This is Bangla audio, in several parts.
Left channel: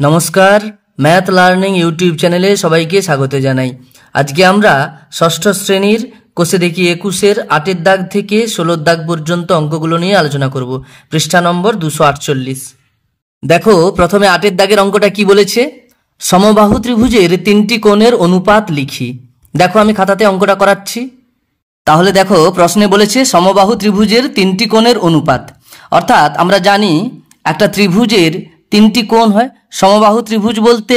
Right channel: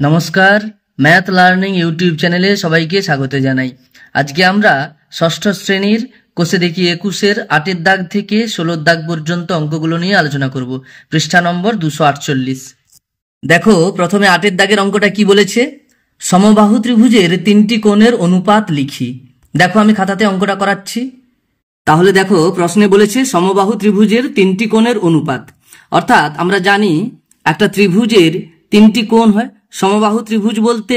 নমস্কার, ম্যাথ লার্নিং ইউটিউব চ্যানেলে সবাইকে স্বাগত জানাই। আজকে আমরা ষষ্ঠ শ্রেণীর কোষে দেখি 21-এর 8-এর দাগ থেকে 16-এর দাগ পর্যন্ত অঙ্কগুলো নিয়ে আলোচনা করব। পৃষ্ঠা নম্বর 248। দেখো, প্রথমে 8-এর দাগের অঙ্কটা কি বলেছে? সমবাহু ত্রিভুজের 3টি কোণের অনুপাত লিখি। দেখো, আমি খাতাতে অঙ্কটা করাচ্ছি। তাহলে দেখো, প্রশ্নে বলেছে সমবাহু ত্রিভুজের 3টি কোণের অনুপাত। অর্থাৎ আমরা জানি একটা ত্রিভুজের 3টি কোণ হয়। সমবাহু ত্রিভুজ বলতে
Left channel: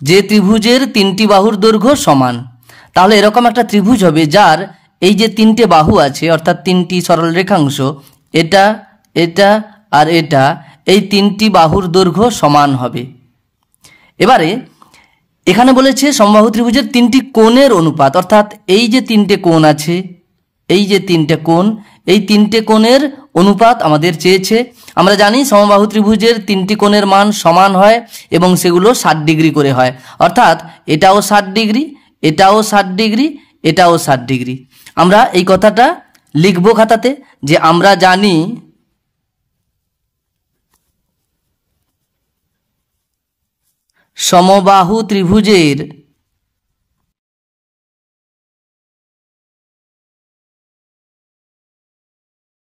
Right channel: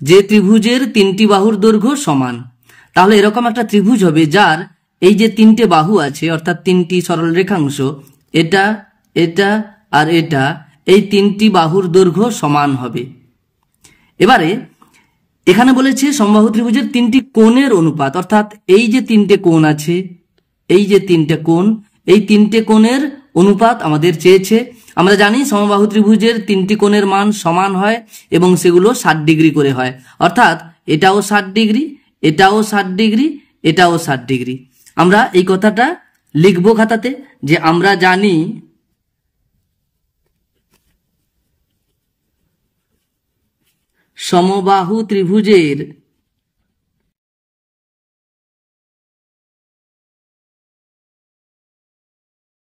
যে ত্রিভুজের 3টি বাহুর দৈর্ঘ্য সমান। তাহলে এরকম একটা ত্রিভুজ হবে যার এই যে 3টে বাহু আছে, অর্থাৎ 3টি সরল রেখাংশ, এটা এটা আর এটা, এই 3টি বাহুর দৈর্ঘ্য সমান হবে। এবারে এখানে বলেছে সমবাহু ত্রিভুজের 3টি কোণের অনুপাত, অর্থাৎ এই যে 3টে কোণ আছে, এই যে 3টে কোণ, এই 3টে কোণের অনুপাত আমাদের চেয়েছে। আমরা জানি সমবাহু ত্রিভুজের 3টি কোণের মান সমান হয় এবং সেগুলো 60 ডিগ্রি করে হয়। অর্থাৎ এটাও 60 ডিগ্রি, এটাও 60 ডিগ্রি, এটাও 60 ডিগ্রি। আমরা এই কথাটা লিখব খাতাতে যে আমরা জানি সমবাহু ত্রিভুজের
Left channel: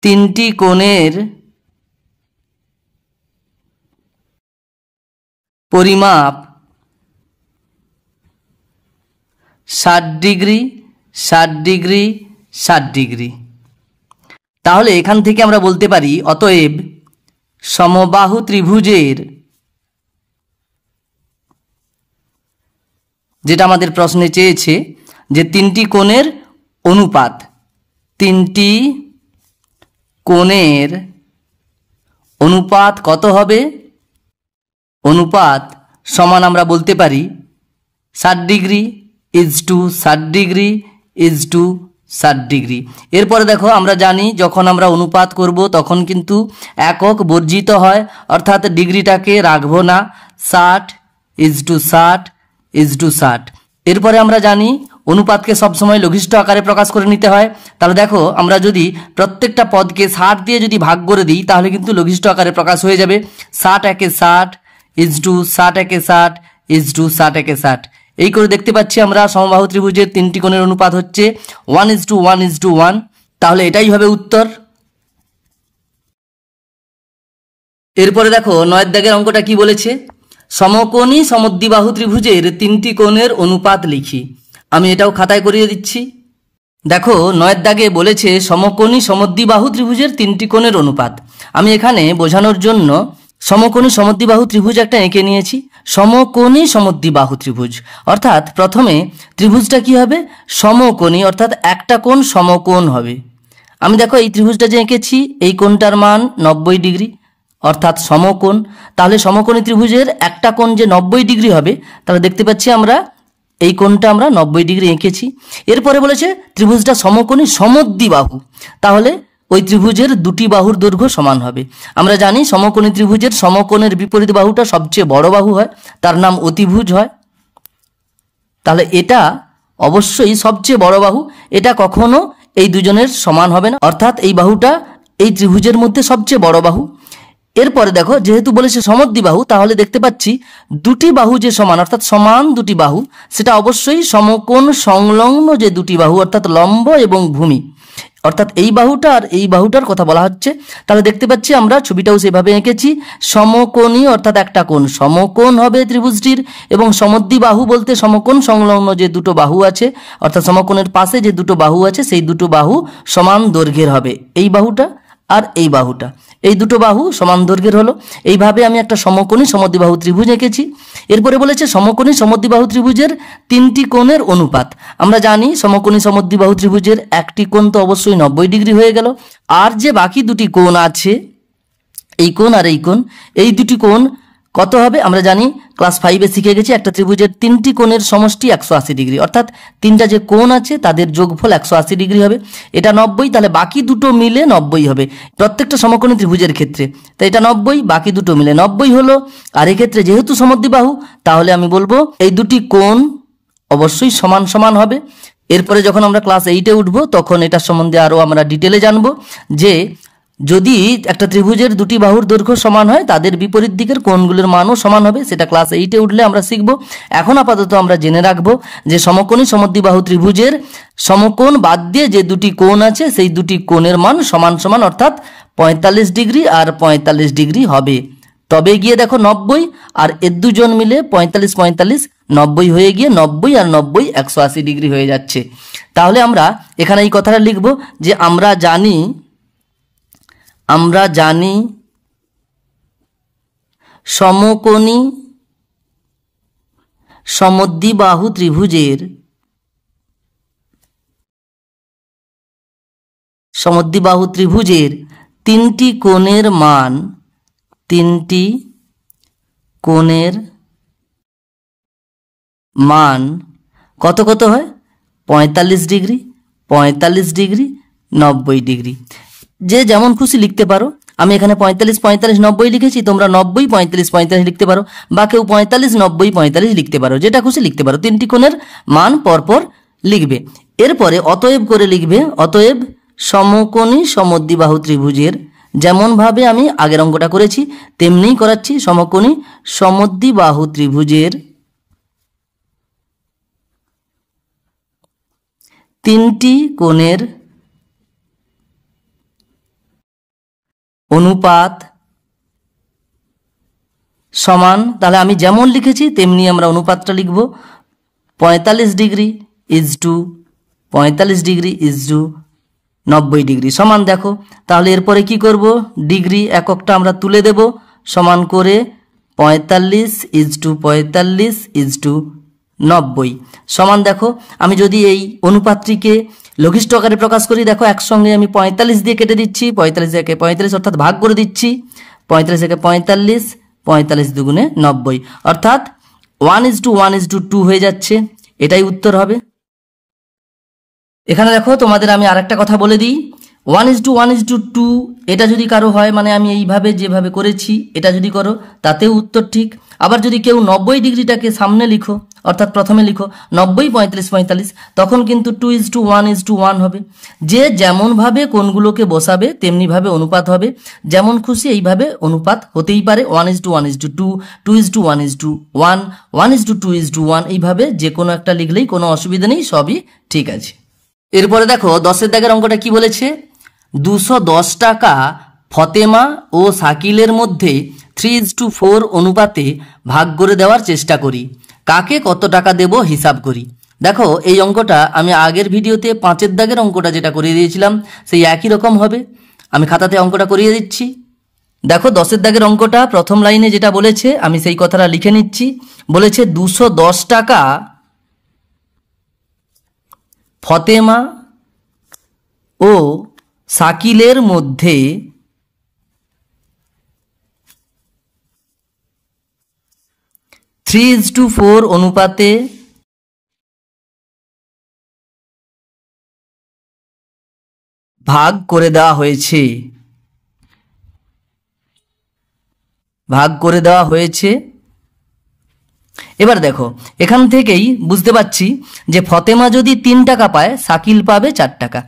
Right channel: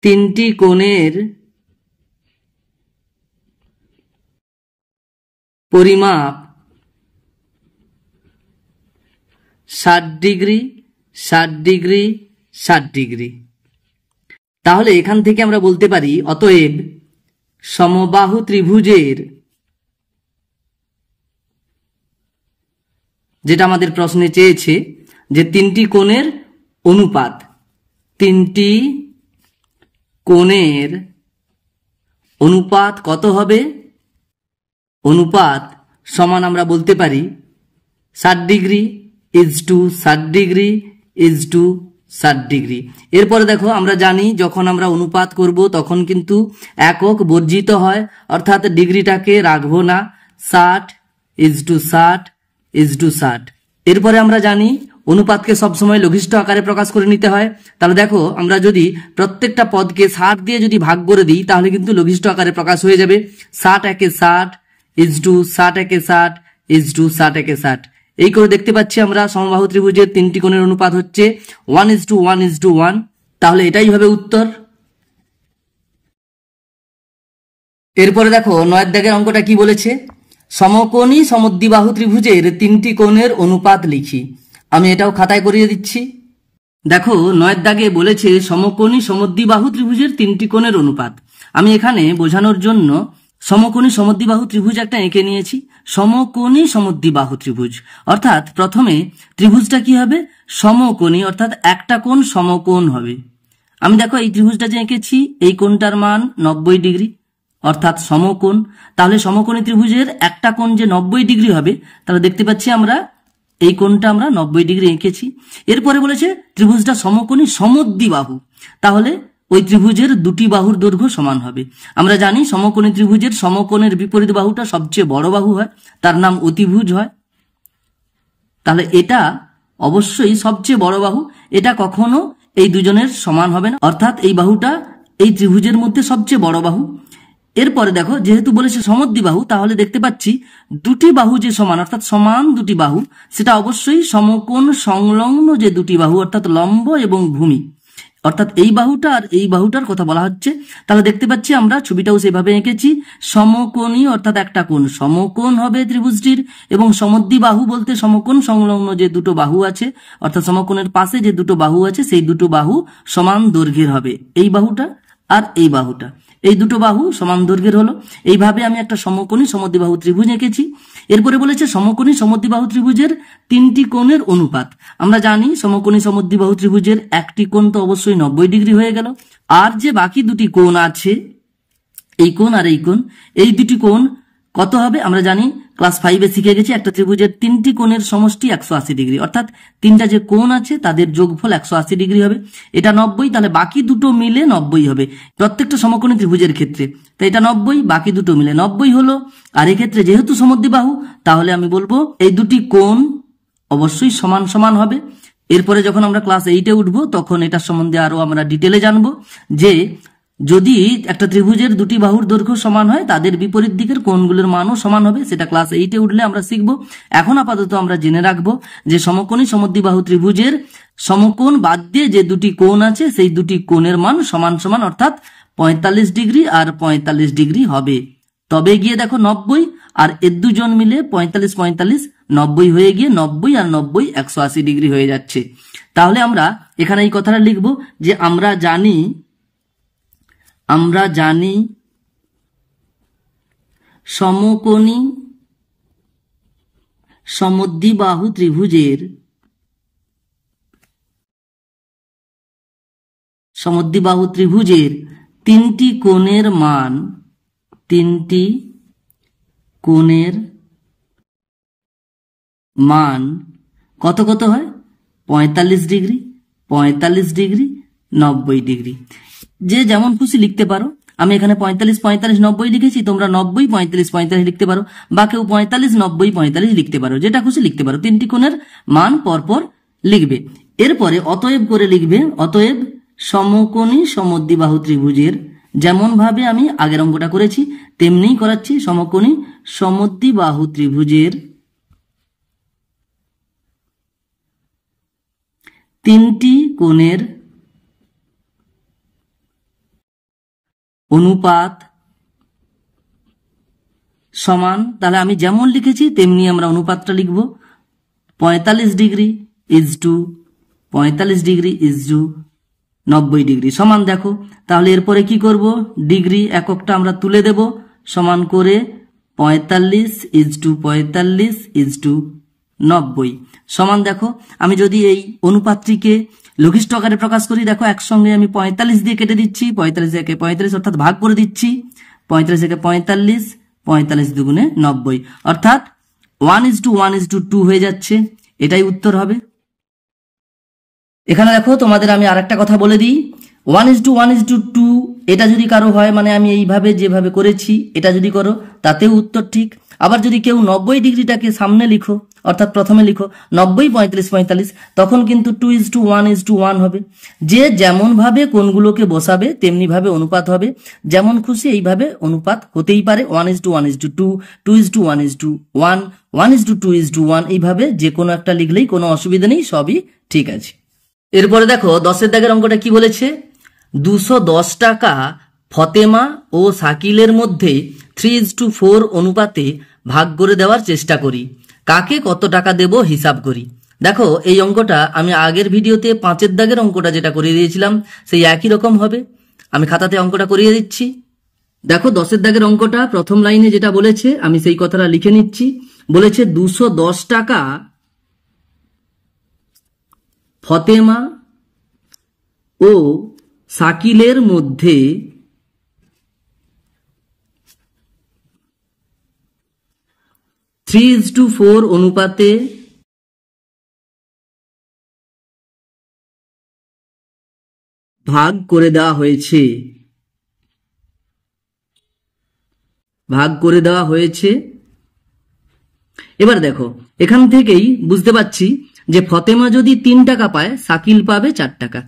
3টি কোণের পরিমাপ 60 ডিগ্রি, 60 ডিগ্রি, 60 ডিগ্রি। তাহলে এখান থেকে আমরা বলতে পারি অতএব সমবাহু ত্রিভুজের, যেটা আমাদের প্রশ্নে চেয়েছে, যে 3টি কোণের অনুপাত, 3টি কোণের অনুপাত কত হবে? অনুপাত সমান আমরা বলতে পারি 60 degree is to 60 degree is to 60 degree. এরপরে দেখো, আমরা জানি যখন আমরা অনুপাত করব তখন কিন্তু একক বর্জিত হয়, অর্থাৎ ডিগ্রিটাকে রাখবো না। 60 ইজ টু 60 ইজ টু 60। এরপরে আমরা জানি অনুপাতকে সবসময় লঘিষ্ঠ আকারে প্রকাশ করে নিতে হয়। তাহলে দেখো, আমরা যদি প্রত্যেকটা পদকে 60 দিয়ে যদি ভাগ করে দিই তাহলে কিন্তু লঘিষ্ঠ আকারে প্রকাশ হয়ে যাবে। 60 একে 60 ইজ টু 60 একে 60 ইজ টু 60 একে 60। এই করে দেখতে পাচ্ছি আমরা সমবাহু ত্রিভুজের 3টি কোণের অনুপাত হচ্ছে 1:1:1। তাহলে এটাই হবে উত্তর। এরপরে দেখো, 9-এর দাগের অঙ্কটা কি বলেছে? সমকোণী সমদ্বিবাহু ত্রিভুজের 3টি কোণের অনুপাত লিখি। আমি এটাও খাতায় করিয়ে দিচ্ছি। দেখো, 9-এর দাগে বলেছে সমকোণী সমদ্বিবাহু ত্রিভুজের 3টি কোণের অনুপাত। আমি এখানে বোঝানোর জন্য সমকোণী সমদ্বিবাহু ত্রিভুজ একটা এঁকে নিয়েছি। সমকোণী সমদ্বিবাহু ত্রিভুজ অর্থাৎ প্রথমে ত্রিভুজটা কি হবে? সমকোণী, অর্থাৎ একটা কোণ সমকোণ হবে। আমি দেখো এই ত্রিভুজটা যে এঁকেছি, এই কোণটার মান 90 ডিগ্রি, অর্থাৎ সমকোণ। তাহলে সমকোণী ত্রিভুজের একটা কোণ যে 90 ডিগ্রি হবে, তাহলে দেখতে পাচ্ছি আমরা এই কোণটা আমরা 90 ডিগ্রি এঁকেছি। এরপরে বলেছে ত্রিভুজটা সমকোণী সমদ্বিবাহু, তাহলে ওই ত্রিভুজের 2টি বাহুর দৈর্ঘ্য সমান হবে। আমরা জানি সমকোণী ত্রিভুজের সমকোণের বিপরীত বাহুটা সবচেয়ে বড় বাহু হয়, তার নাম অতিভুজ হয়। তাহলে এটা অবশ্যই সবচেয়ে বড় বাহু, এটা কখনো এই দুজনের সমান হবে না, অর্থাৎ এই বাহুটা এই ত্রিভুজের মধ্যে সবচেয়ে বড় বাহু। এরপরে দেখো, যেহেতু বলেছে সমদ্বিবাহু, তাহলে দেখতে পাচ্ছি 2টি বাহু যে সমান, অর্থাৎ সমান 2টি বাহু, সেটা অবশ্যই সমকোণ সংলগ্ন যে 2টি বাহু, অর্থাৎ লম্ব এবং ভূমি, অর্থাৎ এই বাহুটা আর এই বাহুটার কথা বলা হচ্ছে। তাহলে দেখতে পাচ্ছি আমরা ছবিটাও সেভাবে এঁকেছি। সমকোণী অর্থাৎ একটা কোণ সমকোণ হবে ত্রিভুজটির, এবং সমদ্বিবাহু বলতে সমকোণ সংলগ্ন যে 2টো বাহু আছে, অর্থাৎ সমকোণের পাশে যে 2টো বাহু আছে, সেই 2টো বাহু সমান দৈর্ঘ্যের হবে। এই বাহুটা আর এই বাহুটা, এই 2টো বাহু সমান দৈর্ঘ্যের হলো। এইভাবে আমি একটা সমকোণী সমদ্বিবাহু ত্রিভুজ এঁকেছি। এরপরে বলেছে সমকোণী সমদ্বিবাহু ত্রিভুজের 3টি কোণের অনুপাত। আমরা জানি সমকোণী সমদ্বিবাহু ত্রিভুজের একটি কোণ তো অবশ্যই 90 ডিগ্রি হয়ে গেল, আর যে বাকি 2টি কোণ আছে, এই কোণ আর এই কোণ, এই 2টি কোণ কত হবে? আমরা জানি ক্লাস 5-এ শিখে গেছি একটা ত্রিভুজের 3টি কোণের সমষ্টি 180 ডিগ্রি, অর্থাৎ 3টা যে কোণ আছে তাদের যোগফল 180 ডিগ্রি হবে। এটা 90, তাহলে বাকি 2টো মিলে 90 হবে প্রত্যেকটা সমকোণী ত্রিভুজের ক্ষেত্রে। তাই এটা 90, বাকি 2টো মিলে 90 হলো। আর এক্ষেত্রে যেহেতু সমদ্বিবাহু, তাহলে আমি বলবো এই 2টি কোণ অবশ্যই সমান সমান হবে। এরপরে যখন আমরা ক্লাস 8-এ উঠবো তখন এটা সম্বন্ধে আরো আমরা ডিটেলে জানবো যে যদি একটা ত্রিভুজের দুটি বাহুর দৈর্ঘ্য সমান হয় তাদের বিপরীত দিকের কোণগুলোর মানও সমান হবে, সেটা ক্লাস 8-এ উঠলে আমরা শিখব। এখন আপাতত আমরা জেনে রাখবো যে সমকোণী সমদ্বিবাহু ত্রিভুজের সমকোণ বাদ দিয়ে যে দুটি কোণ আছে সেই দুটি কোণের মান সমান সমান, অর্থাৎ 45 ডিগ্রি আর 45 ডিগ্রি হবে। তবে গিয়ে দেখো 90 আর এর দুজন মিলে 45 45 90 হয়ে গিয়ে 90 আর 90 180 ডিগ্রি হয়ে যাচ্ছে। তাহলে আমরা এখানে এই কথাটা লিখব যে আমরা জানি সমকোণী সমদ্বিবাহু ত্রিভুজের তিনটি কোণের মান কত কত হয়? 45 ডিগ্রি, 45 ডিগ্রি, 90 ডিগ্রি। যে যেমন খুশি লিখতে পারো। আমি এখানে 45 45 90 লিখেছি, তোমরা 90 45 45 লিখতে পারো, বা কেউ 45 90 45 লিখতে পারো, যেটা খুশি লিখতে পারো। তিনটি কোণের মান পরপর লিখবে। এরপরে অতএব করে লিখবে, অতএব সমকোণী সমদ্বিবাহু ত্রিভুজের, যেমন ভাবে আমি আগের অঙ্কটা করেছি তেমনিই করাচ্ছি, সমকোণী সমদ্বিবাহু ত্রিভুজের তিনটি কোণের অনুপাত সমান। তাহলে আমি যেমন লিখেছি তেমনি আমরা অনুপাতটা লিখব। 45 degree is to 45 degree is to 90 degree সমান। দেখো তাহলে এরপরে কি করব, ডিগ্রি এককটা আমরা তুলে দেব, সমান করে 45 ইজ টু 45 ইজ টু 90 সমান। দেখো আমি যদি এই অনুপাতটিকে লঘিষ্ঠ আকারে প্রকাশ করি, দেখো একসঙ্গে আমি 45 দিয়ে কেটে দিচ্ছি, 45 একে 45 অর্থাৎ ভাগ করে দিচ্ছি, 45 একে 45, 45 দুগুণে 90 অর্থাৎ 1:1:2 হয়ে যাচ্ছে। এটাই উত্তর হবে। এখানে দেখো তোমাদের আমি আরেকটা কথা বলে দিই, 1:1:2 এটা যদি কারো হয়, মানে আমি এইভাবে যেভাবে করেছি এটা যদি করো তাতেও উত্তর ঠিক। আবার যদি কেউ 90 ডিগ্রিটাকে সামনে লিখো, অর্থাৎ প্রথমে লিখো 90 35 45, তখন কিন্তু 2:1:1 হবে। যে যেমন ভাবে কোণগুলোকে বসাবে তেমনি ভাবে অনুপাত হবে, যেমন খুশি এইভাবে অনুপাত হতেই পারে। 1:1:2, 2:1:1, 1:2:1 এইভাবে যে কোনো একটা লিখলেই কোনো অসুবিধা নেই, সবই ঠিক আছে। এরপরে দেখো 10-এর দাগের অঙ্কটা কি বলেছে, 210 টাকা ফতেমা ও শাকিলের মধ্যে 3:4 অনুপাতে ভাগ করে দেওয়ার চেষ্টা করি, কাকে কত টাকা দেব হিসাব করি। দেখো এই অঙ্কটা আমি আগের ভিডিওতে 5-এর দাগের অঙ্কটা যেটা করিয়ে দিয়েছিলাম সেই একই রকম হবে। আমি খাতাতে অঙ্কটা করিয়ে দিচ্ছি। দেখো 10-এর দাগের অঙ্কটা প্রথম লাইনে যেটা বলেছে আমি সেই কথাটা লিখে নিচ্ছি। বলেছে 210 টাকা ফতেমা ও শাকিলের মধ্যে 3:4 অনুপাতে ভাগ করে দেওয়া হয়েছে। এবার দেখো এখান থেকেই বুঝতে পারছি যে ফতেমা যদি 3 টাকা পায় শাকিল পাবে 4 টাকা।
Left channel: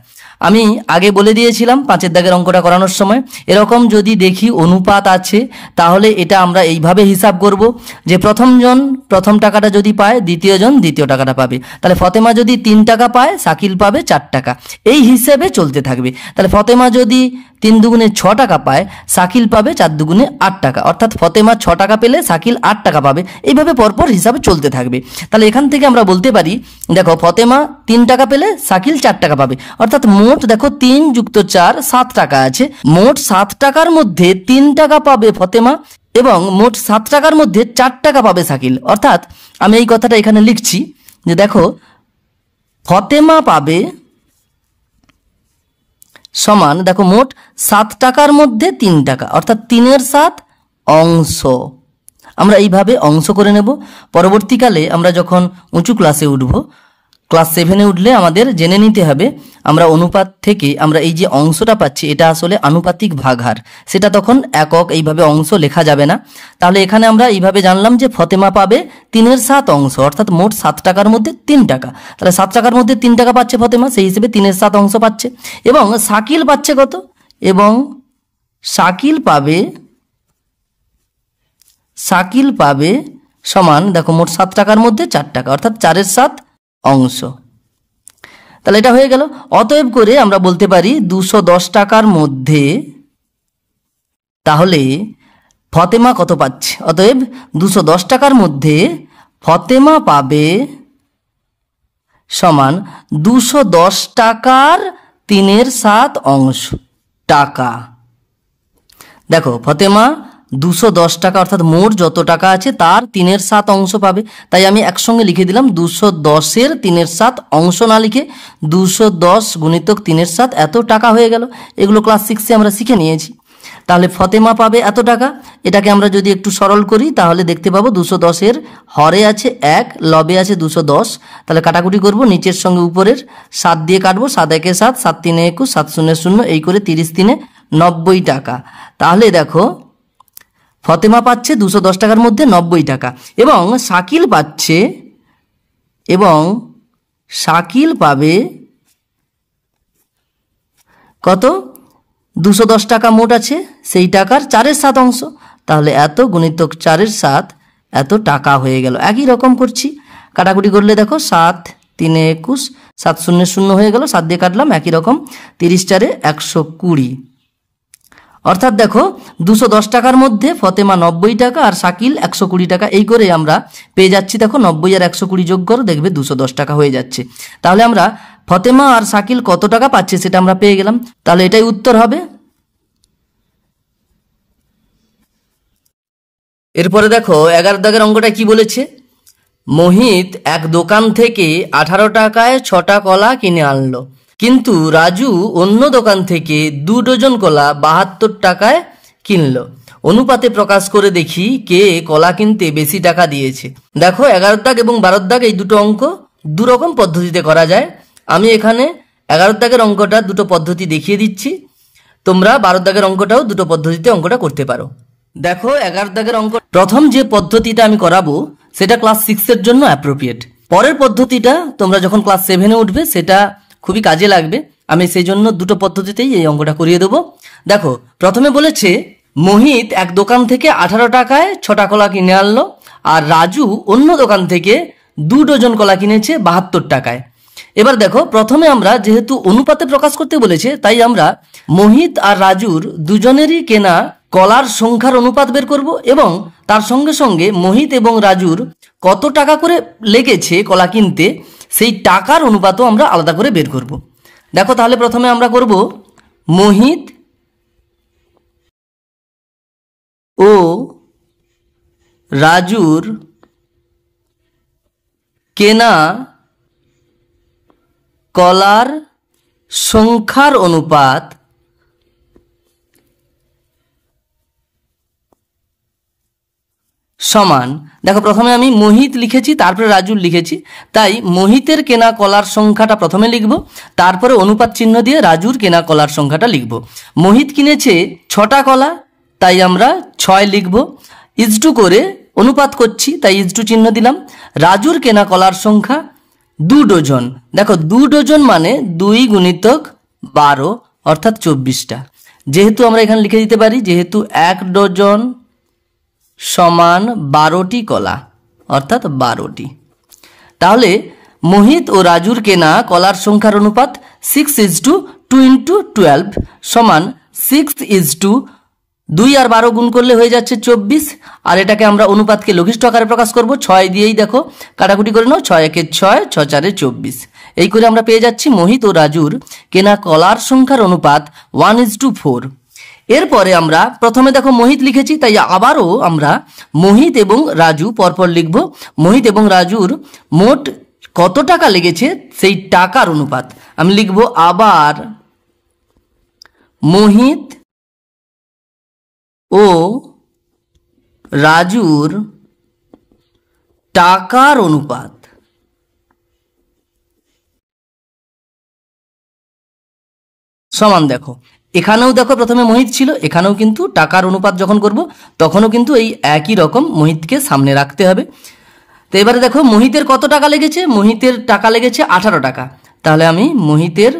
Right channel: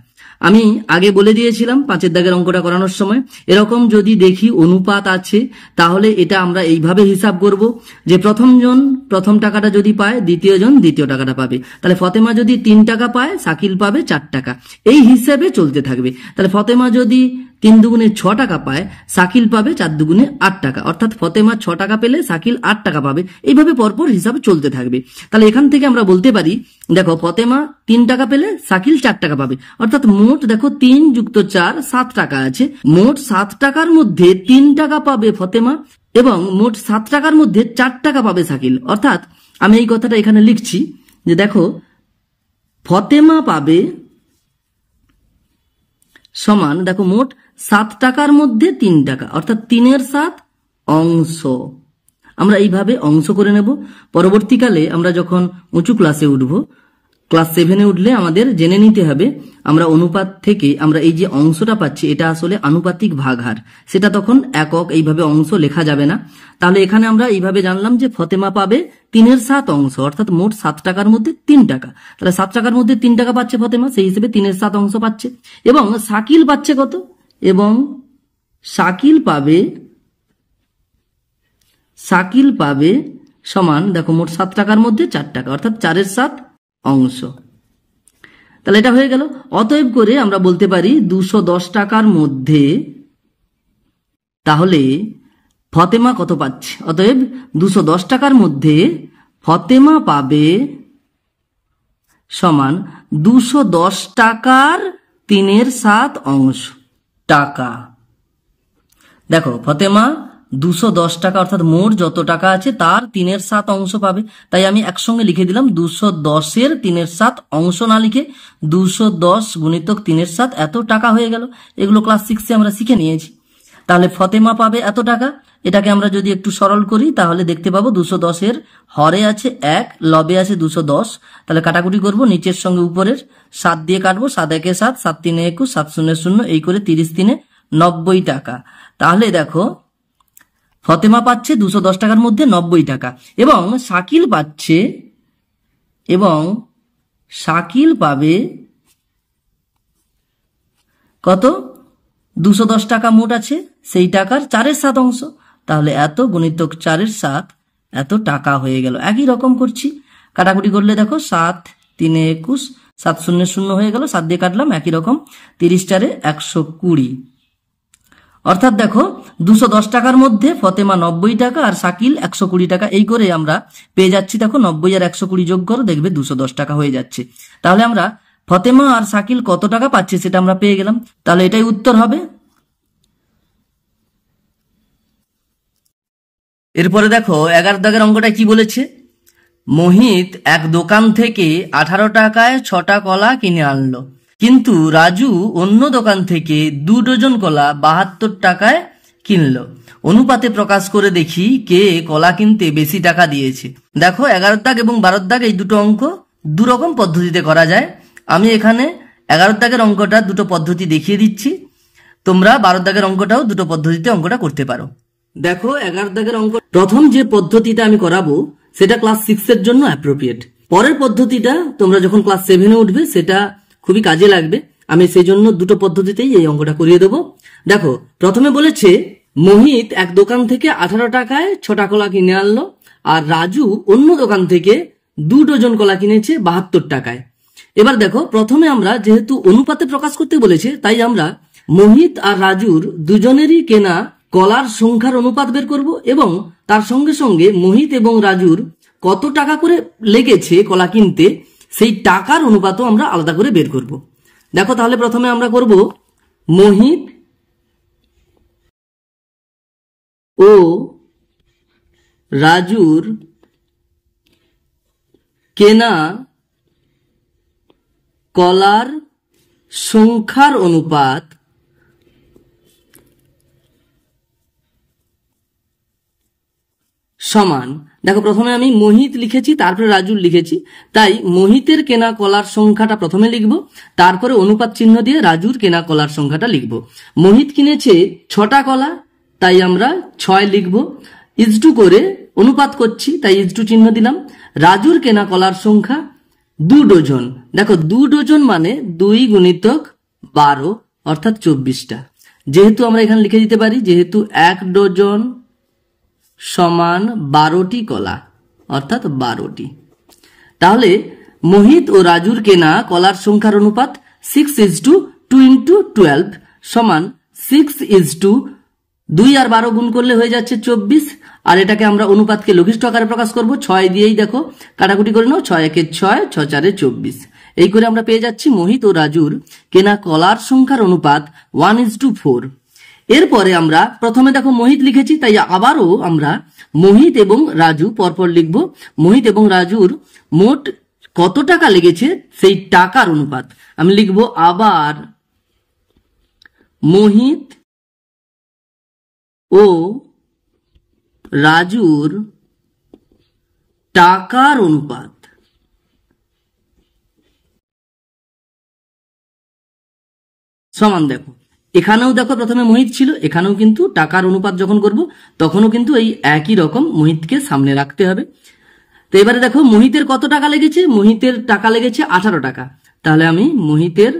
আমি আগে বলে দিয়েছিলাম 5-এর দাগের অঙ্কটা করানোর সময়, এরকম যদি দেখি অনুপাত আছে তাহলে এটা আমরা এইভাবে হিসাব করব যে প্রথমজন প্রথম টাকাটা যদি পায় দ্বিতীয়জন দ্বিতীয় টাকাটা পাবে। তাহলে ফতেমা যদি 3 টাকা পায় শাকিল পাবে 4 টাকা, এই হিসেবে চলতে থাকবে। তাহলে ফতেমা যদি 3 দুগুণে 6 টাকা পায় শাকিল পাবে 4 দুগুণে 8 টাকা, অর্থাৎ ফতেমা 6 টাকা পেলে শাকিল 8 টাকা পাবে। এইভাবে পরপর হিসাবে চলতে থাকবে। তাহলে এখান থেকে আমরা বলতে পারি, দেখো ফতেমা 3 টাকা পেলে শাকিল 4 টাকা পাবে, অর্থাৎ মোট দেখো 3 + 4 7 টাকা আছে। মোট 7 টাকার মধ্যে 3 টাকা পাবে ফতেমা এবং মোট 7 টাকার মধ্যে 4 টাকা পাবে শাকিল। অর্থাৎ আমি এই কথাটা এখানে লিখছি যে দেখো ফতেমা পাবে সমান, দেখো মোট 7 টাকার মধ্যে 3 টাকা, অর্থাৎ 3/7 অংশ। আমরা এইভাবে অংশ করে নেব। পরবর্তীকালে আমরা যখন উঁচু ক্লাসে উঠব, ক্লাস 7-এ উঠলে আমাদের জেনে নিতে হবে আমরা অনুপাত থেকে আমরা এই যে অংশটা পাচ্ছি এটা আসলে আনুপাতিক ভাগহার, সেটা তখন একক এইভাবে অংশ লেখা যাবে না। তাহলে এখানে আমরা এইভাবে জানলাম যে ফতেমা পাবে 3/7 অংশ, অর্থাৎ মোট 7 টাকার মধ্যে 3 টাকা। তাহলে 7 টাকার মধ্যে 3 টাকা পাচ্ছে ফতেমা, সেই হিসেবে 3/7 অংশ পাচ্ছে। এবং শাকিল পাচ্ছে কত, এবং শাকিল পাবে সমান, দেখো মোট 7 টাকার মধ্যে 4 টাকা, অর্থাৎ 4-এর 7 অংশ। তাহলে এটা হয়ে গেল। অতএব করে আমরা বলতে পারি 210 টাকার মধ্যে তাহলে ফতেমা কত পাচ্ছে। অতএব 210 টাকার মধ্যে ফতেমা পাবে সমান 210 টাকার 3-এর 7 অংশ টাকা। দেখো ফতেমা 210 টাকা অর্থাৎ মোট যত টাকা আছে তার 3-এর 7 অংশ পাবে। তাই আমি একসঙ্গে লিখে দিলাম 210-এর 3-এর 7 অংশ না লিখে 210 গুণিতক 3-এর 7 এত টাকা হয়ে গেল। এগুলো ক্লাস 6-এ আমরা শিখে নিয়েছি। তাহলে ফতেমা পাবে এত টাকা। এটাকে আমরা যদি একটু সরল করি তাহলে দেখতে পাবো 210-এর হরে আছে 1, লবে আছে 210। তাহলে কাটাকুটি করব, নিচের সঙ্গে উপরের 7 দিয়ে কাটবো। 7 1 7, 7 3 21, 7 0 0, এই করে 30 3 90 টাকা। তাহলে দেখো ফতেমা পাচ্ছে 210 টাকার মধ্যে 90 টাকা এবং শাকিল পাবে কত, 210 টাকা মোট আছে, সেই টাকার 4-এর 7 অংশ। তাহলে এত গুণিতক 4-এর 7 এত টাকা হয়ে গেল। একই রকম করছি, কাটাকুটি করলে দেখো 7 3 21, 7 0 0 হয়ে গেল, 7 দিয়ে কাটলাম, একই রকম 30 4 120। অর্থাৎ দেখো 210 টাকার মধ্যে ফতেমা 90 টাকা আর শাকিল 120 টাকা। এই করে আমরা পেয়ে যাচ্ছি, দেখো 90 আর 120 যোগ করো, দেখবে 210 টাকা হয়ে যাচ্ছে। তাহলে আমরা ফতেমা আর শাকিল কত টাকা পাচ্ছে সেটা আমরা পেয়ে গেলাম। তাহলে এটাই উত্তর হবে। এরপরে দেখো 11 দাগের অঙ্কটা কি বলেছে। মোহিত এক দোকান থেকে 18 টাকায় 6টা কলা কিনে আনলো, কিন্তু রাজু অন্য দোকান থেকে 2 ডজন কলা 72 টাকায় কিনলো। অনুপাতে প্রকাশ করে দেখি কে কলা কিনতে বেশি টাকা দিয়েছে। দেখো 11 দাগ এবং 12 দাগ এই দুটো অঙ্ক দুরকম পদ্ধতিতে করা যায়। আমি এখানে 11 দাগের অঙ্কটা দুটো পদ্ধতি দেখিয়ে দিচ্ছি, তোমরা 12 দাগের অঙ্কটাও দুটো পদ্ধতিতে অঙ্কটা করতে পারো। দেখো 11 দাগের অঙ্ক প্রথম যে পদ্ধতিটা আমি করাবো সেটা ক্লাস 6-এর জন্য অ্যাপ্রোপ্রিয়েট। পরের পদ্ধতিটা তোমরা যখন ক্লাস 7-এ উঠবে সেটা খুবই কাজে লাগবে। আমি সেই জন্য দুটো পদ্ধতিতেই এই অঙ্কটা করিয়ে দেবো। দেখো প্রথমে বলেছে মোহিত এক দোকান থেকে 18 টাকায় 6টা কলা কিনে আনলো আর রাজু অন্য দোকান থেকে 2 ডজন কলা কিনেছে 72 টাকায়। এবার দেখো প্রথমে আমরা যেহেতু অনুপাতে প্রকাশ করতে বলেছে তাই আমরা মোহিত আর রাজুর দুজনেরই কেনা কলার সংখ্যার অনুপাত বের করব এবং তার সঙ্গে সঙ্গে মোহিত এবং রাজুর কত টাকা করে লেগেছে কলা কিনতে সেই টাকার অনুপাতও আমরা আলাদা করে বের করব। দেখো তাহলে প্রথমে আমরা করব মোহিত ও রাজুর কেনা কলার সংখ্যার অনুপাত সমান। দেখো প্রথমে আমি মোহিত লিখেছি তারপরে রাজুর লিখেছি, তাই মোহিতের কেনা কলার সংখ্যাটা প্রথমে লিখব, তারপরে অনুপাত চিহ্ন দিয়ে রাজুর কেনা কলার সংখ্যাটা লিখব। মোহিত কিনেছে 6টা কলা, তাই আমরা 6 লিখব। ইজটু করে অনুপাত করছি তাই ইজটু চিহ্ন দিলাম। রাজুর কেনা কলার সংখ্যা 2 ডজন। দেখো 2 ডজন মানে 2 গুণিতক 12 অর্থাৎ 24টা। যেহেতু আমরা এখানে লিখে দিতে পারি যেহেতু 1 ডজন সমান 12টি কলা অর্থাৎ 12টি। তাহলে মোহিত ও রাজুর কেনা কলার সংখ্যার অনুপাত 6:2 সমান 6:2 আর 12 গুণ করলে হয়ে যাচ্ছে 24। আর এটাকে আমরা অনুপাতকে লঘিষ্ঠ আকারে প্রকাশ করব 6 দিয়েই। দেখো কাটাকুটি করে নাও, 6 1 6, 6 4 24। এই করে আমরা পেয়ে যাচ্ছি মোহিত ও রাজুর কেনা কলার সংখ্যার অনুপাত 1:4। এরপরে আমরা প্রথমে দেখো মোহিত লিখেছি তাই আবারও আমরা মোহিত এবং রাজু পরপর লিখব। মোহিত এবং রাজুর মোট কত টাকা লেগেছে সেই টাকার অনুপাত আমি লিখব আবার মোহিত ও রাজুর টাকার অনুপাত সমান। দেখো এখানেও দেখো প্রথমে মোহিত ছিল, এখানেও কিন্তু টাকার অনুপাত যখন করব তখনও কিন্তু এই একই রকম মোহিতকে সামনে রাখতে হবে। তো এবারে দেখো মোহিতের কত টাকা লেগেছে, মোহিতের টাকা লেগেছে 18 টাকা। তাহলে আমি মোহিতের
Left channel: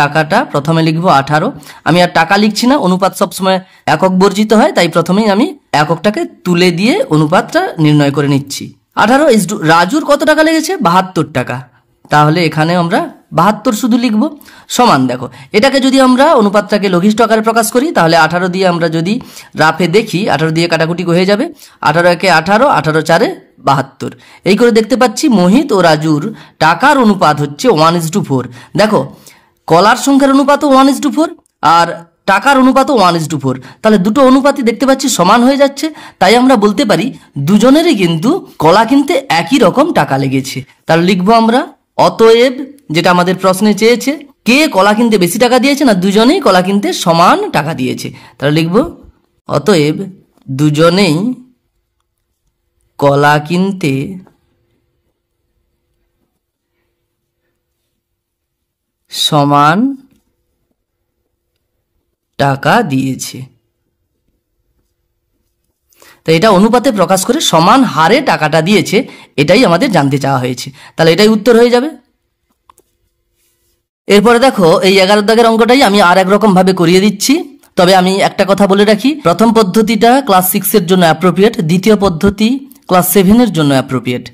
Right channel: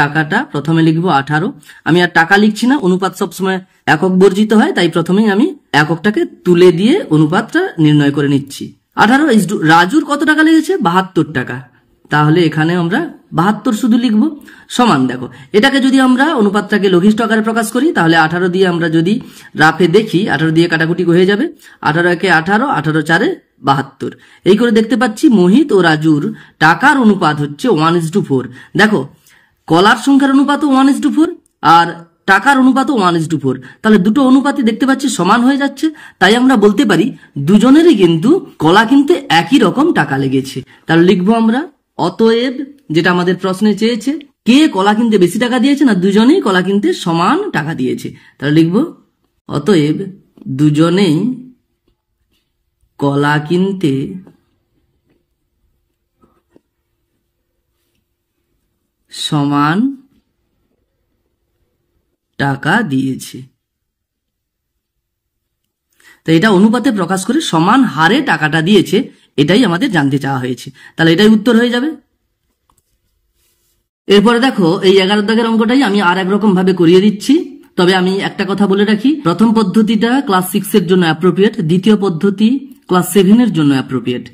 টাকাটা প্রথমে লিখবো 18। আমি আর টাকা লিখছি না, অনুপাত সবসময় একক বর্জিত হয়, তাই প্রথমেই আমি এককটাকে তুলে দিয়ে অনুপাতটা নির্ণয় করে নিচ্ছি। 18 রাজুর কত টাকা লেগেছে? 72 টাকা। তাহলে এখানে আমরা 72 শুধু লিখব। সমান, দেখো এটাকে যদি আমরা অনুপাতটাকে লঘিষ্ঠ আকারে প্রকাশ করি তাহলে 18 দিয়ে আমরা যদি রাফে দেখি 18 দিয়ে কাটাকুটি হয়ে যাবে। 18 একে 18, 18 4 72। এই করে দেখতে পাচ্ছি মোহিত ও রাজুর টাকার অনুপাত হচ্ছে 1:4। দেখো কলার সংখ্যার অনুপাতও 1:4 আর টাকার অনুপাতও 1:4। তাহলে দুটো অনুপাতই দেখতে পাচ্ছি সমান হয়ে যাচ্ছে, তাই আমরা বলতে পারি দুজনেরই কিন্তু কলা কিনতে একই রকম টাকা লেগেছে। তাহলে লিখবো আমরা অতএব, যেটা আমাদের প্রশ্নে চেয়েছে, কে কলা কিনতে বেশি টাকা দিয়েছে? না, দুজনেই কলা কিনতে সমান টাকা দিয়েছে। তাহলে লিখবো অতএব দুজনেই কলা কিনতে সমান টাকা দিয়েছে। তো এটা অনুপাতে প্রকাশ করে সমান হারে টাকাটা দিয়েছে, এটাই আমাদের জানতে চাওয়া হয়েছে। তাহলে এটাই উত্তর হয়ে যাবে। এরপরে দেখো এই 11 দাগের অঙ্কটাই আমি আর একরকম ভাবে করিয়ে দিচ্ছি। তবে আমি একটা কথা বলে রাখি, প্রথম পদ্ধতিটা ক্লাস 6 এর জন্য অ্যাপ্রোপ্রিয়েট, দ্বিতীয় পদ্ধতি ক্লাস 7 এর জন্য অ্যাপ্রোপ্রিয়েট।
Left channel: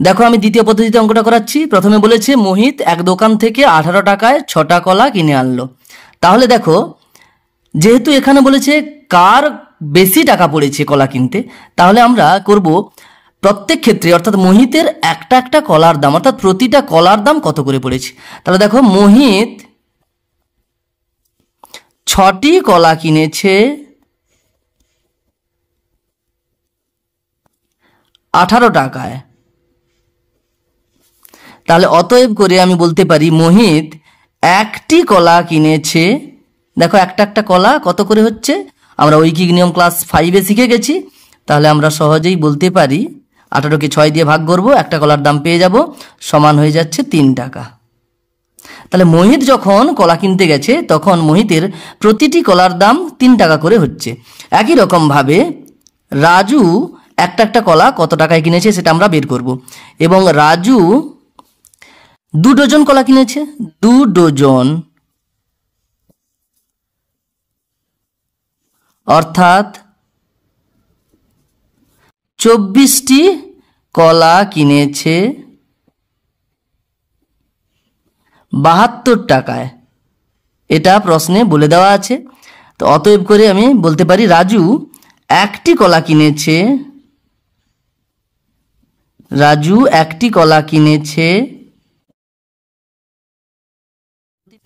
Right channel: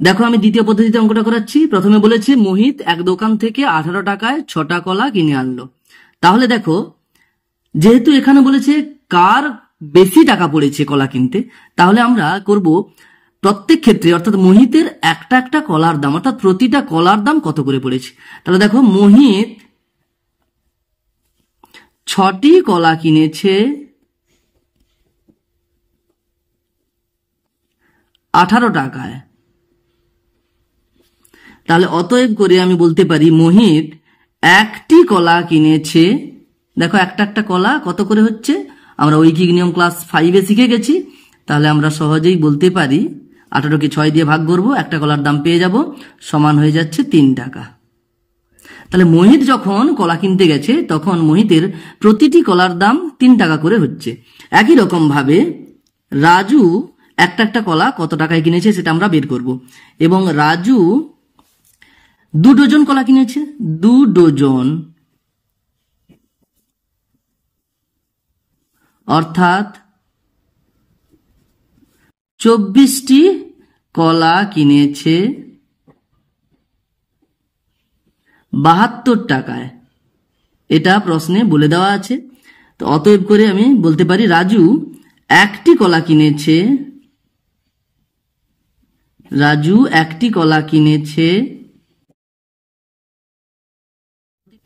দেখো আমি দ্বিতীয় পদ্ধতিতে অঙ্কটা করাচ্ছি। প্রথমে বলেছে মোহিত এক দোকান থেকে 18 টাকায় 6টা কলা কিনে আনলো। তাহলে দেখো যেহেতু এখানে বলেছে কার বেশি টাকা পড়েছে কলা কিনতে, তাহলে আমরা করব প্রত্যেক ক্ষেত্রে, অর্থাৎ মোহিতের একটা একটা কলার দাম, অর্থাৎ প্রতিটা কলার দাম কত করে পড়েছে। তাহলে দেখো মোহিত 6টি কলা কিনেছে 18 টাকায়। তাহলে অতএব করে আমি বলতে পারি মোহিত একটি কলা কিনেছে, দেখো একটা একটা কলা কত করে হচ্ছে, আমরা ঐকিক নিয়ম ক্লাস 5-এ শিখে গেছি। তাহলে আমরা সহজেই বলতে পারি 18কে 6 দিয়ে ভাগ করব, একটা কলার দাম পেয়ে যাব, সমান হয়ে যাচ্ছে 3 টাকা। তাহলে মোহিত যখন কলা কিনতে গেছে তখন মোহিতের প্রতিটি কলার দাম 3 টাকা করে হচ্ছে। একই রকম ভাবে রাজু একটা একটা কলা কত টাকায় কিনেছে সেটা আমরা বের করব। এবং রাজু 2 ডজন কলা কিনেছে, 2 ডজন, অর্থাৎ 24টি কলা কিনেছে 72 টাকায়। এটা প্রশ্নে বলে দেওয়া আছে। তো অতএব করে আমি বলতে পারি রাজু একটি কলা কিনেছে,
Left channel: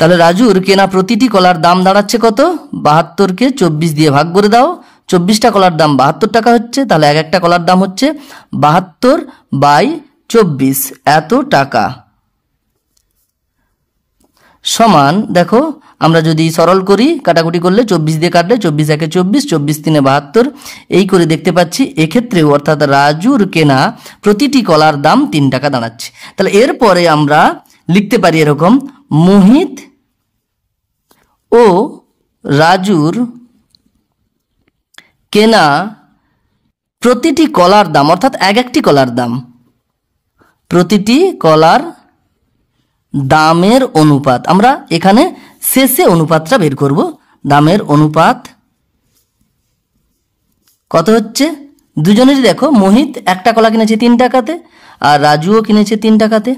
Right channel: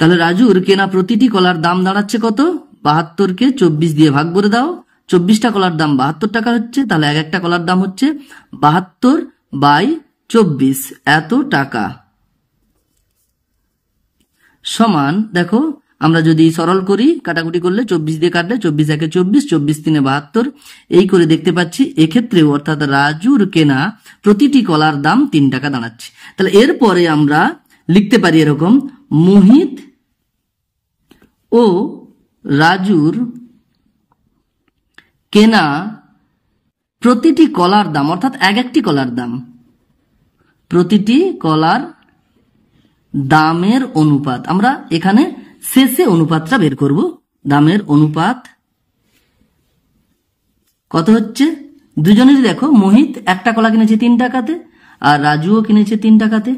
তাহলে রাজুর কেনা প্রতিটি কলার দাম দাঁড়াচ্ছে কত? 72কে 24 দিয়ে ভাগ করে দাও, 24টা কলার দাম 72 টাকা হচ্ছে। তাহলে এক একটা কলার দাম হচ্ছে 72/24, এত টাকা। সমান, দেখো আমরা যদি সরল করি, কাটাকুটি করলে 24 দিয়ে কাটলে 24 একে 24, 24 3 72, এই করে দেখতে পাচ্ছি এক্ষেত্রেও অর্থাৎ রাজুর কেনা প্রতিটি কলার দাম 3 টাকা দাঁড়াচ্ছে। তাহলে এরপরে আমরা লিখতে পারি এরকম, মোহিত ও রাজুর কেনা প্রতিটি কলার দাম, অর্থাৎ এক একটি কলার দাম, প্রতিটি কলার দামের অনুপাত, আমরা এখানে শেষে অনুপাতটা বের করব। দামের অনুপাত কত হচ্ছে? দুজনেরই দেখো মোহিত একটা কলা কিনেছে 3 টাকাতে আর রাজুও কিনেছে 3 টাকাতে।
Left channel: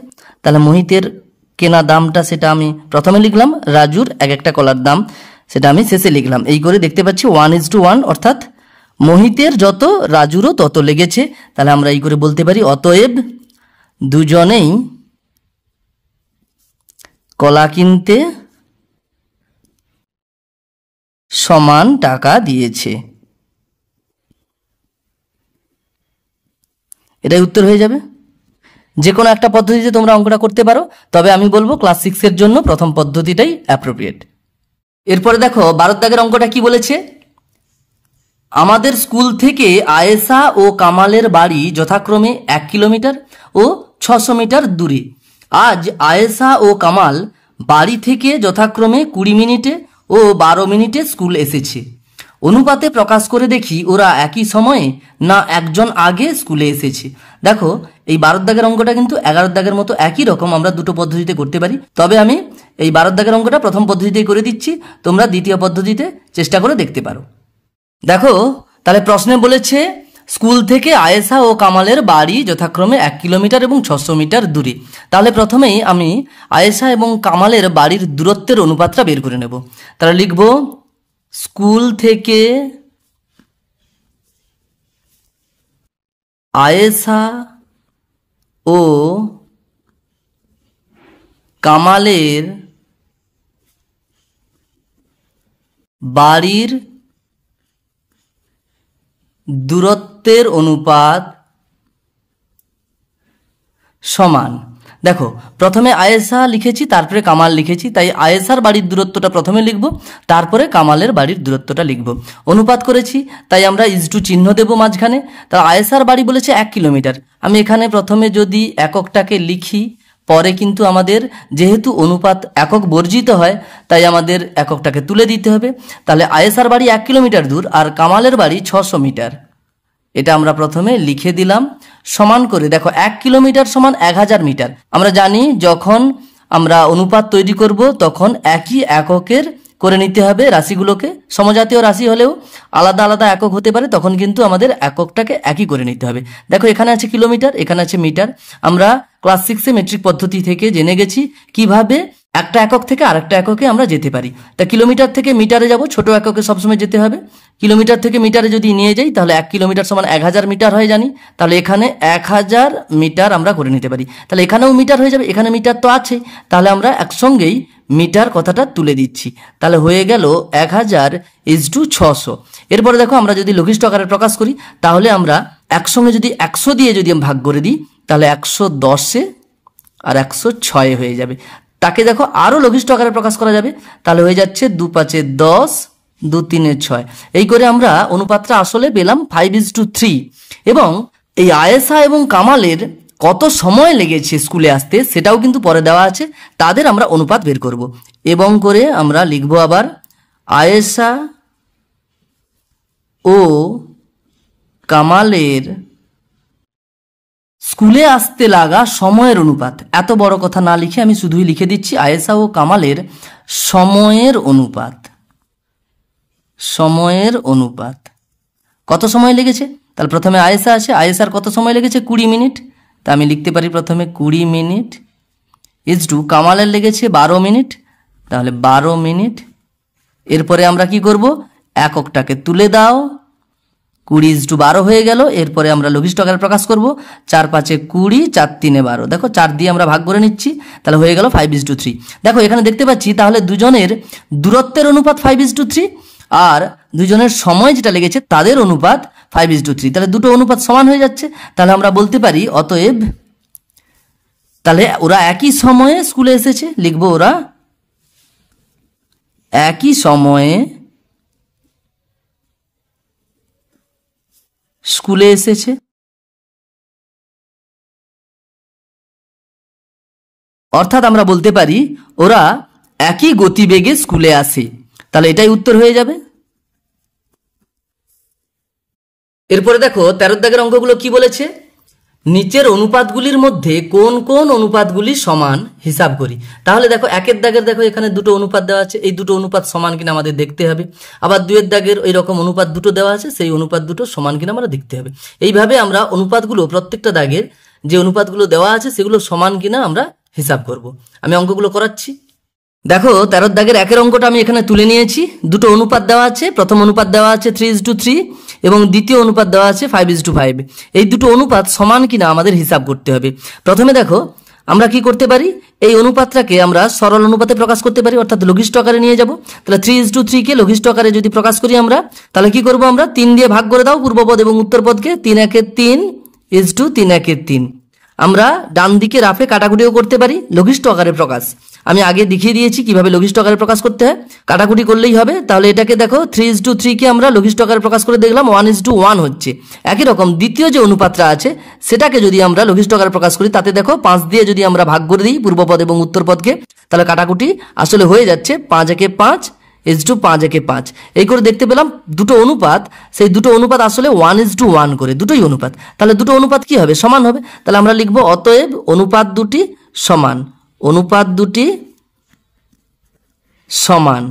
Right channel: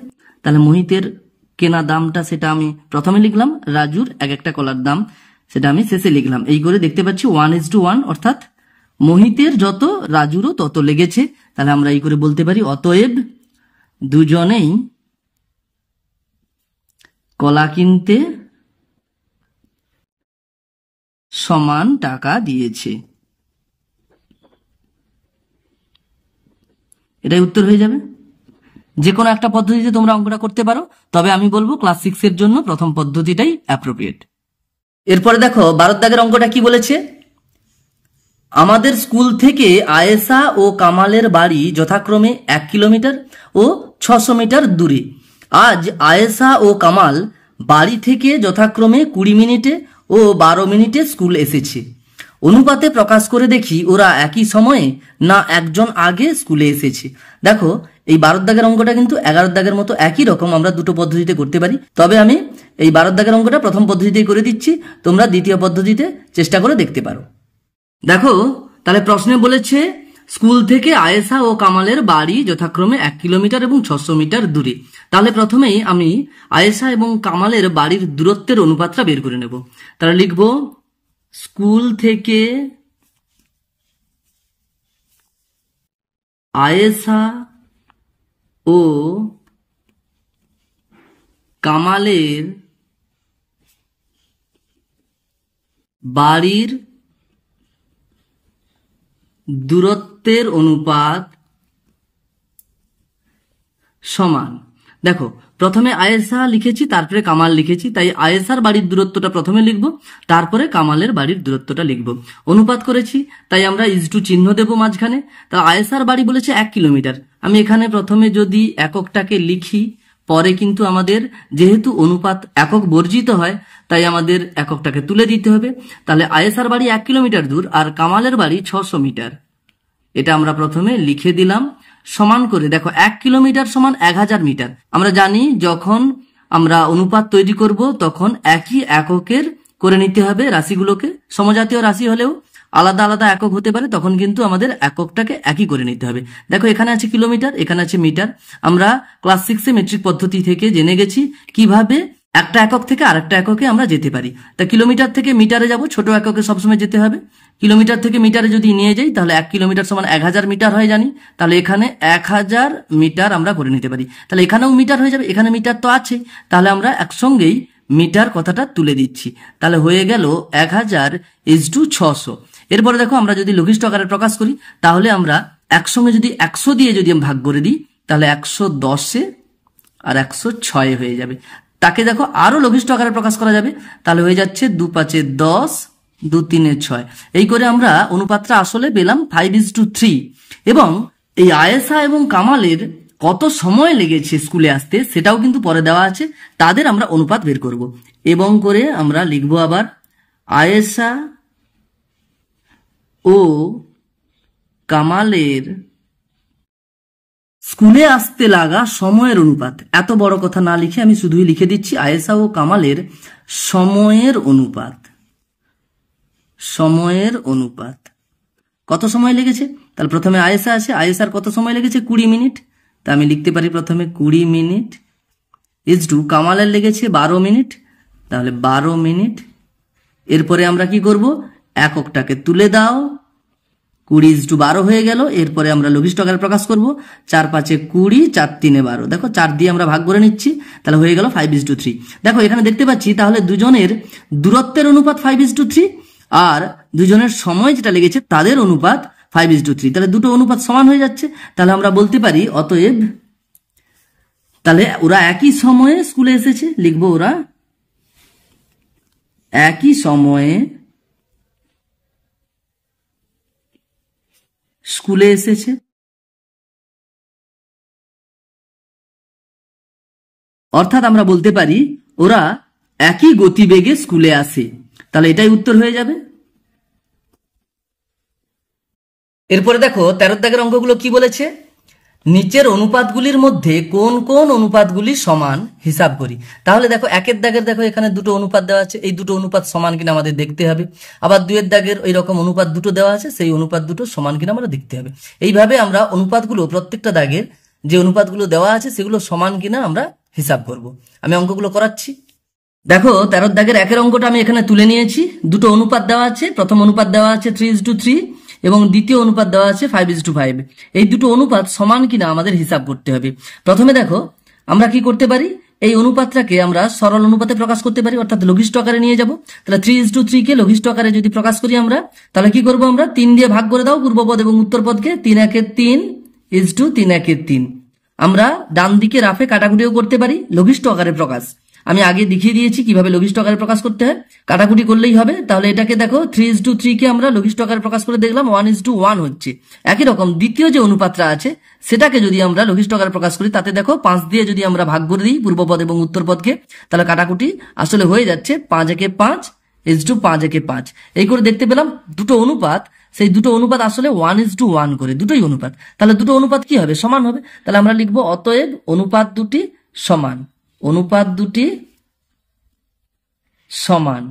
তাহলে মোহিতের কেনা দামটা সেটা আমি প্রথমে লিখলাম, রাজুর এক একটা কলার দাম সেটা আমি শেষে লিখলাম। এই করে দেখতে পাচ্ছি 1:1, অর্থাৎ মোহিতের যত রাজুরও তত লেগেছে। তাহলে আমরা এই করে বলতে পারি অতএব দুজনেই কলা কিনতে সমান টাকা দিয়েছে। এটাই উত্তর হয়ে যাবে। যে কোনো একটা পদ্ধতিতে তোমরা অঙ্কটা করতে পারো, তবে আমি বলবো ক্লাস 6 এর জন্য প্রথম পদ্ধতিটাই অ্যাপ্রোপ্রিয়েট। এরপরে দেখো 12 দাগের অঙ্কটা কি বলেছে, আমাদের স্কুল থেকে আয়েশা ও কামালের বাড়ি যথাক্রমে 1 কিলোমিটার ও 600 মিটার দূরে। আজ আয়েশা ও কামাল বাড়ি থেকে যথাক্রমে 20 মিনিটে ও 12 মিনিটে স্কুল এসেছে। অনুপাতে প্রকাশ করে দেখি ওরা একই সময়ে না একজন আগে স্কুলে এসেছে। দেখো এই 12 দাগের অঙ্কটা কিন্তু 11 দাগের মতো একই রকম আমরা দুটো পদ্ধতিতে করতে পারি, তবে আমি এই 12 দাগের অঙ্কটা প্রথম পদ্ধতিতেই করে দিচ্ছি, তোমরা দ্বিতীয় পদ্ধতিতে চেষ্টা করে দেখতে পারো। দেখো তাহলে প্রশ্নে বলেছে স্কুল থেকে আয়েশা ও কামালের বাড়ি যথাক্রমে 1 কিলোমিটার এবং 600 মিটার দূরে। তাহলে প্রথমেই আমি আয়েশা এবং কামালের বাড়ির দূরত্বের অনুপাতটা বের করে নেব। তাহলে লিখব স্কুল থেকে আয়েশা ও কামালের বাড়ির দূরত্বের অনুপাত সমান। দেখো প্রথমে আয়েশা লিখেছি, তারপরে কামাল লিখেছি, তাই আয়েশার বাড়ির দূরত্বটা প্রথমে লিখব, তারপরে কামালের বাড়ির দূরত্বটা লিখব। অনুপাত করেছি তাই আমরা ইজটু চিহ্ন দেব মাঝখানে। তা আয়েশার বাড়ি বলেছে 1 কিলোমিটার, আমি এখানে প্রথমে যদি এককটাকে লিখি, পরে কিন্তু আমাদের যেহেতু অনুপাত একক বর্জিত হয় তাই আমাদের এককটাকে তুলে দিতে হবে। তাহলে আয়েশার বাড়ি 1 কিলোমিটার দূর আর কামালের বাড়ি 600 মিটার, এটা আমরা প্রথমে লিখে দিলাম। সমান করে দেখো 1 কিলোমিটার সমান 1000 মিটার। আমরা জানি যখন আমরা অনুপাত তৈরি করব তখন একই এককের করে নিতে হবে রাশিগুলোকে। সমজাতীয় রাশি হলেও আলাদা আলাদা একক হতে পারে, তখন কিন্তু আমাদের এককটাকে একই করে নিতে হবে। দেখো এখানে আছে কিলোমিটার, এখানে আছে মিটার। আমরা ক্লাস 6-এ মেট্রিক পদ্ধতি থেকে জেনে গেছি কিভাবে একটা একক থেকে আরেকটা এককে আমরা যেতে পারি। তা কিলোমিটার থেকে মিটারে যাব, ছোট এককে সবসময় যেতে হবে। কিলোমিটার থেকে মিটারে যদি নিয়ে যাই তাহলে 1 কিলোমিটার সমান 1000 মিটার হয় জানি, তাহলে এখানে 1000 মিটার আমরা করে নিতে পারি। তাহলে এখানেও মিটার হয়ে যাবে, এখানে মিটার তো আছে, তাহলে আমরা একসঙ্গেই মিটার কথাটা তুলে দিচ্ছি। তাহলে হয়ে গেল 1000:600। এরপরে দেখো আমরা যদি লঘিষ্ঠ আকারে প্রকাশ করি তাহলে আমরা একসঙ্গে যদি 100 দিয়ে যদি ভাগ করে দিই তাহলে 110-এ আর 106 হয়ে যাবে। তাকে দেখো আরো লঘিষ্ঠ আকারে প্রকাশ করা যাবে, তাহলে হয়ে যাচ্ছে 2×5 = 10, 2×3 = 6। এই করে আমরা অনুপাতটা আসলে পেলাম 5:3। এবং এই আয়েশা এবং কামালের কত সময় লেগেছে স্কুলে আসতে সেটাও কিন্তু পরে দেওয়া আছে, তাদের আমরা অনুপাত বের করব। এবং করে আমরা লিখব আবার আয়েশা ও কামালের স্কুলে আসতে লাগা সময়ের অনুপাত। এত বড় কথা না লিখে আমি শুধুই লিখে দিচ্ছি আয়েশা ও কামালের সময়ের অনুপাত। সময়ের অনুপাত কত সময় লেগেছে? তাহলে প্রথমে আয়েশা আছে, আয়েশার কত সময় লেগেছে? 20 মিনিট। তা আমি লিখতে পারি প্রথমে 20 মিনিট ইজটু কামালের লেগেছে 12 মিনিট, তাহলে 12 মিনিট। এরপরে আমরা কি করব? এককটাকে তুলে দাও, 20:12 হয়ে গেল। এরপরে আমরা লঘিষ্ঠ আকারে প্রকাশ করব, 4×5 = 20, 4×3 = 12। দেখো 4 দিয়ে আমরা ভাগ করে নিচ্ছি, তাহলে হয়ে গেল 5:3। দেখো এখানে দেখতে পাচ্ছি তাহলে দুজনের দূরত্বের অনুপাত 5:3 আর দুজনের সময় যেটা লেগেছে তাদের অনুপাত 5:3। তাহলে দুটো অনুপাত সমান হয়ে যাচ্ছে। তাহলে আমরা বলতে পারি অতএব তাহলে ওরা একই সময়ে স্কুলে এসেছে। লিখবো ওরা একই সময়ে স্কুলে এসেছে। অর্থাৎ আমরা বলতে পারি ওরা একই গতিবেগে স্কুলে আসে। তাহলে এটাই উত্তর হয়ে যাবে। এরপরে দেখো 13 দাগের অঙ্কগুলো কি বলেছে, নিচের অনুপাতগুলির মধ্যে কোন কোন অনুপাতগুলি সমান হিসাব করি। তাহলে দেখো 1 দাগের দেখো এখানে দুটো অনুপাত দেওয়া আছে, এই দুটো অনুপাত সমান কিনা আমাদের দেখতে হবে। আবার 2 দাগের ওই রকম অনুপাত দুটো দেওয়া আছে, সেই অনুপাত দুটো সমান কিনা আমরা দেখতে হবে। এইভাবে আমরা অনুপাতগুলো প্রত্যেকটা দাগের যে অনুপাতগুলো দেওয়া আছে সেগুলো সমান কিনা আমরা হিসাব করব। আমি অঙ্কগুলো করাচ্ছি। দেখো 13 দাগের 1 অঙ্কটা আমি এখানে তুলে নিয়েছি। দুটো অনুপাত দেওয়া আছে, প্রথম অনুপাত দেওয়া আছে 3:3 এবং দ্বিতীয় অনুপাত দেওয়া আছে 5:5। এই দুটো অনুপাত সমান কিনা আমাদের হিসাব করতে হবে। প্রথমে দেখো আমরা কি করতে পারি, এই অনুপাতটাকে আমরা সরল অনুপাতে প্রকাশ করতে পারি, অর্থাৎ লঘিষ্ঠ আকারে নিয়ে যাব। তাহলে 3:3 কে লঘিষ্ঠ আকারে যদি প্রকাশ করি আমরা, তাহলে কি করব, আমরা 3 দিয়ে ভাগ করে দাও পূর্বপদ এবং উত্তরপদকে। 3×1 = 3 3×1 3। আমরা ডান দিকে রাফে কাটাকুটিও করতে পারি লঘিষ্ঠ আকারে প্রকাশ। আমি আগে দেখিয়ে দিয়েছি কিভাবে লঘিষ্ঠ আকারে প্রকাশ করতে হয়, কাটাকুটি করলেই হবে। তাহলে এটাকে দেখো 3:3 কে আমরা লঘিষ্ঠ আকারে প্রকাশ করে দেখলাম 1:1 হচ্ছে। একই রকম দ্বিতীয় যে অনুপাতটা আছে সেটাকে যদি আমরা লঘিষ্ঠ আকারে প্রকাশ করি, তাতে দেখো 5 দিয়ে যদি আমরা ভাগ করে দিই পূর্বপদ এবং উত্তরপদকে, তাহলে কাটাকুটি আসলে হয়ে যাচ্ছে 5×1 = 5 5 একে 5, এই করে দেখতে পেলাম দুটো অনুপাত, সেই দুটো অনুপাত আসলে 1:1 করে, দুটোই অনুপাত। তাহলে দুটো অনুপাত কি হবে? সমান হবে। তাহলে আমরা লিখব অতএব অনুপাত দুটি সমান, অনুপাত দুটি সমান।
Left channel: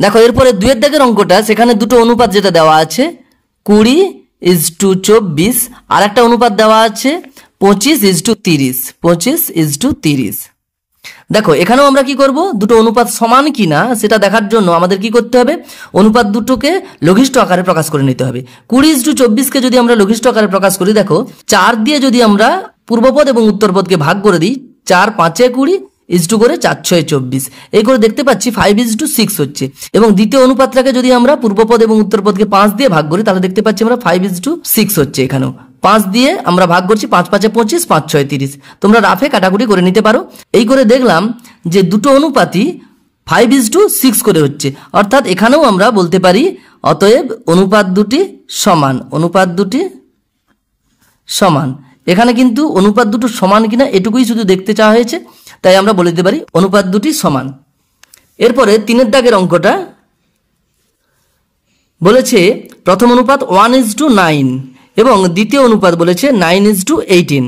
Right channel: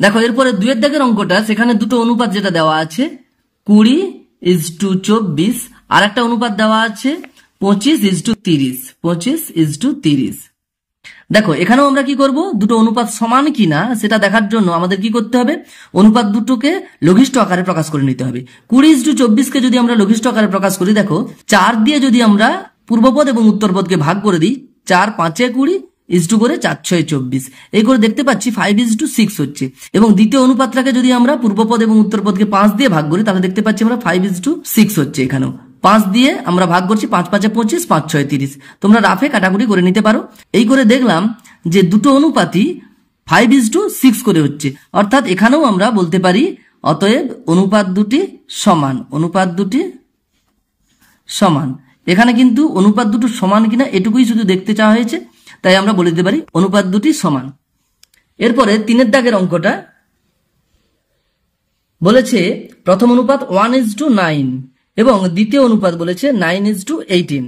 দেখো এরপরে 2 এর দাগের অঙ্কটা, সেখানে দুটো অনুপাত যেটা দেওয়া আছে 20:24, আর একটা অনুপাত দেওয়া আছে 25:30, 25:30। দেখো এখানেও আমরা কি করব, দুটো অনুপাত সমান কিনা সেটা দেখার জন্য আমাদের কি করতে হবে, অনুপাত দুটোকে লঘিষ্ঠ আকারে প্রকাশ করে নিতে হবে। 20:24কে যদি আমরা লঘিষ্ঠ আকারে প্রকাশ করি, দেখো 4 দিয়ে যদি আমরা পূর্বপদ এবং উত্তরপদকে ভাগ করে দিই, 4 5 20 ইজটু করে 4 6 24, এই করে দেখতে পাচ্ছি 5:6 হচ্ছে। এবং দ্বিতীয় অনুপাতটাকে যদি আমরা পূর্বপদ এবং উত্তরপদকে 5 দিয়ে ভাগ করি, তাহলে দেখতে পাচ্ছি আমরা 5:6 হচ্ছে। এখানেও 5 দিয়ে আমরা ভাগ করছি, 5 5 25, 5 6 30। তোমরা রাফে কাটাকুটি করে নিতে পারো। এই করে দেখলাম যে দুটো অনুপাতই 5:6 করে হচ্ছে, অর্থাৎ এখানেও আমরা বলতে পারি অতএব অনুপাত দুটি সমান, অনুপাত দুটি সমান। এখানে কিন্তু অনুপাত দুটো সমান কিনা এটুকুই শুধু দেখতে চাওয়া হয়েছে, তাই আমরা বলে দিতে পারি অনুপাত দুটি সমান। এরপরে 3 এর দাগের অঙ্কটা বলেছে প্রথম অনুপাত 1:9 এবং দ্বিতীয় অনুপাত বলেছে 9:18।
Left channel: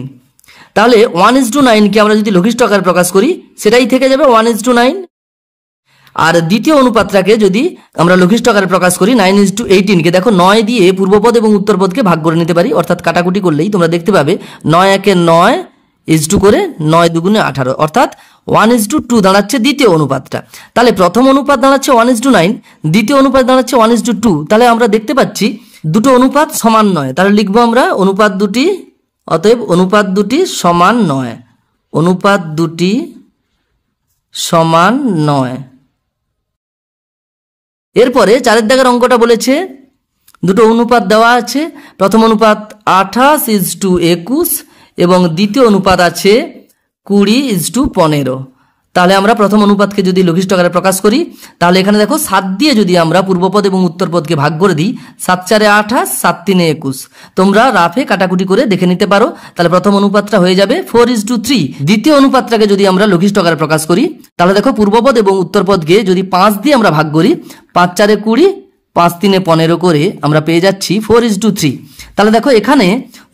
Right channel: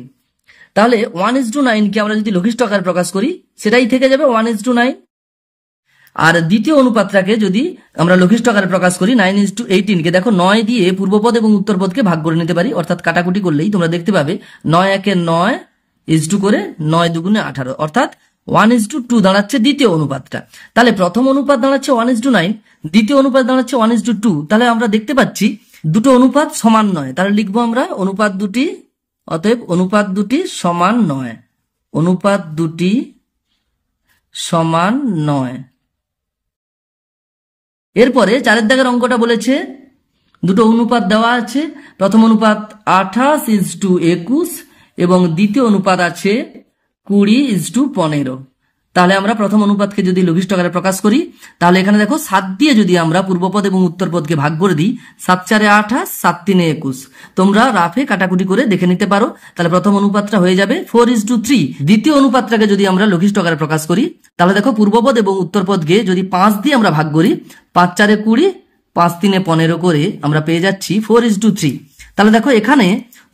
তাহলে 1:9কে আমরা যদি লঘিষ্ঠ আকারে প্রকাশ করি, সেটাই থেকে যাবে 1:9। আর দ্বিতীয় অনুপাতটাকে যদি আমরা লঘিষ্ঠ আকারে প্রকাশ করি 9:18কে, দেখো 9 দিয়ে পূর্বপদ এবং উত্তরপদকে ভাগ করে নিতে পারি, অর্থাৎ কাটাকুটি করলেই তোমরা দেখতে পাবে 9 একে 9 ইজটু করে 9 দুগুণে 18, অর্থাৎ 1:2 দাঁড়াচ্ছে দ্বিতীয় অনুপাতটা। তাহলে প্রথম অনুপাত দাঁড়াচ্ছে 1:9, দ্বিতীয় অনুপাত দাঁড়াচ্ছে 1:2। তাহলে আমরা দেখতে পাচ্ছি দুটো অনুপাত সমান নয়। তাহলে লিখবো আমরা অনুপাত দুটি, অতএব অনুপাত দুটি সমান নয়, অনুপাত দুটি সমান নয়। এরপরে 4 এর দাগের অঙ্কটা বলেছে দুটো অনুপাত দেওয়া আছে, প্রথম অনুপাত 28:21 এবং দ্বিতীয় অনুপাত আছে 20:15। তাহলে আমরা প্রথম অনুপাতকে যদি লঘিষ্ঠ আকারে প্রকাশ করি, তাহলে এখানে দেখো 7 দিয়ে যদি আমরা পূর্বপদ এবং উত্তরপদকে ভাগ করে দিই, 7 4 28, 7 3 21। তোমরা রাফে কাটাকুটি করে দেখে নিতে পারো। তাহলে প্রথম অনুপাতটা হয়ে যাবে 4:3। দ্বিতীয় অনুপাতটাকে যদি আমরা লঘিষ্ঠ আকারে প্রকাশ করি, তাহলে দেখো পূর্বপদ এবং উত্তরপদকে যদি 5 দিয়ে আমরা ভাগ করি, 5 4 20, 5 3 15 করে আমরা পেয়ে যাচ্ছি 4:3। তাহলে দেখো এখানে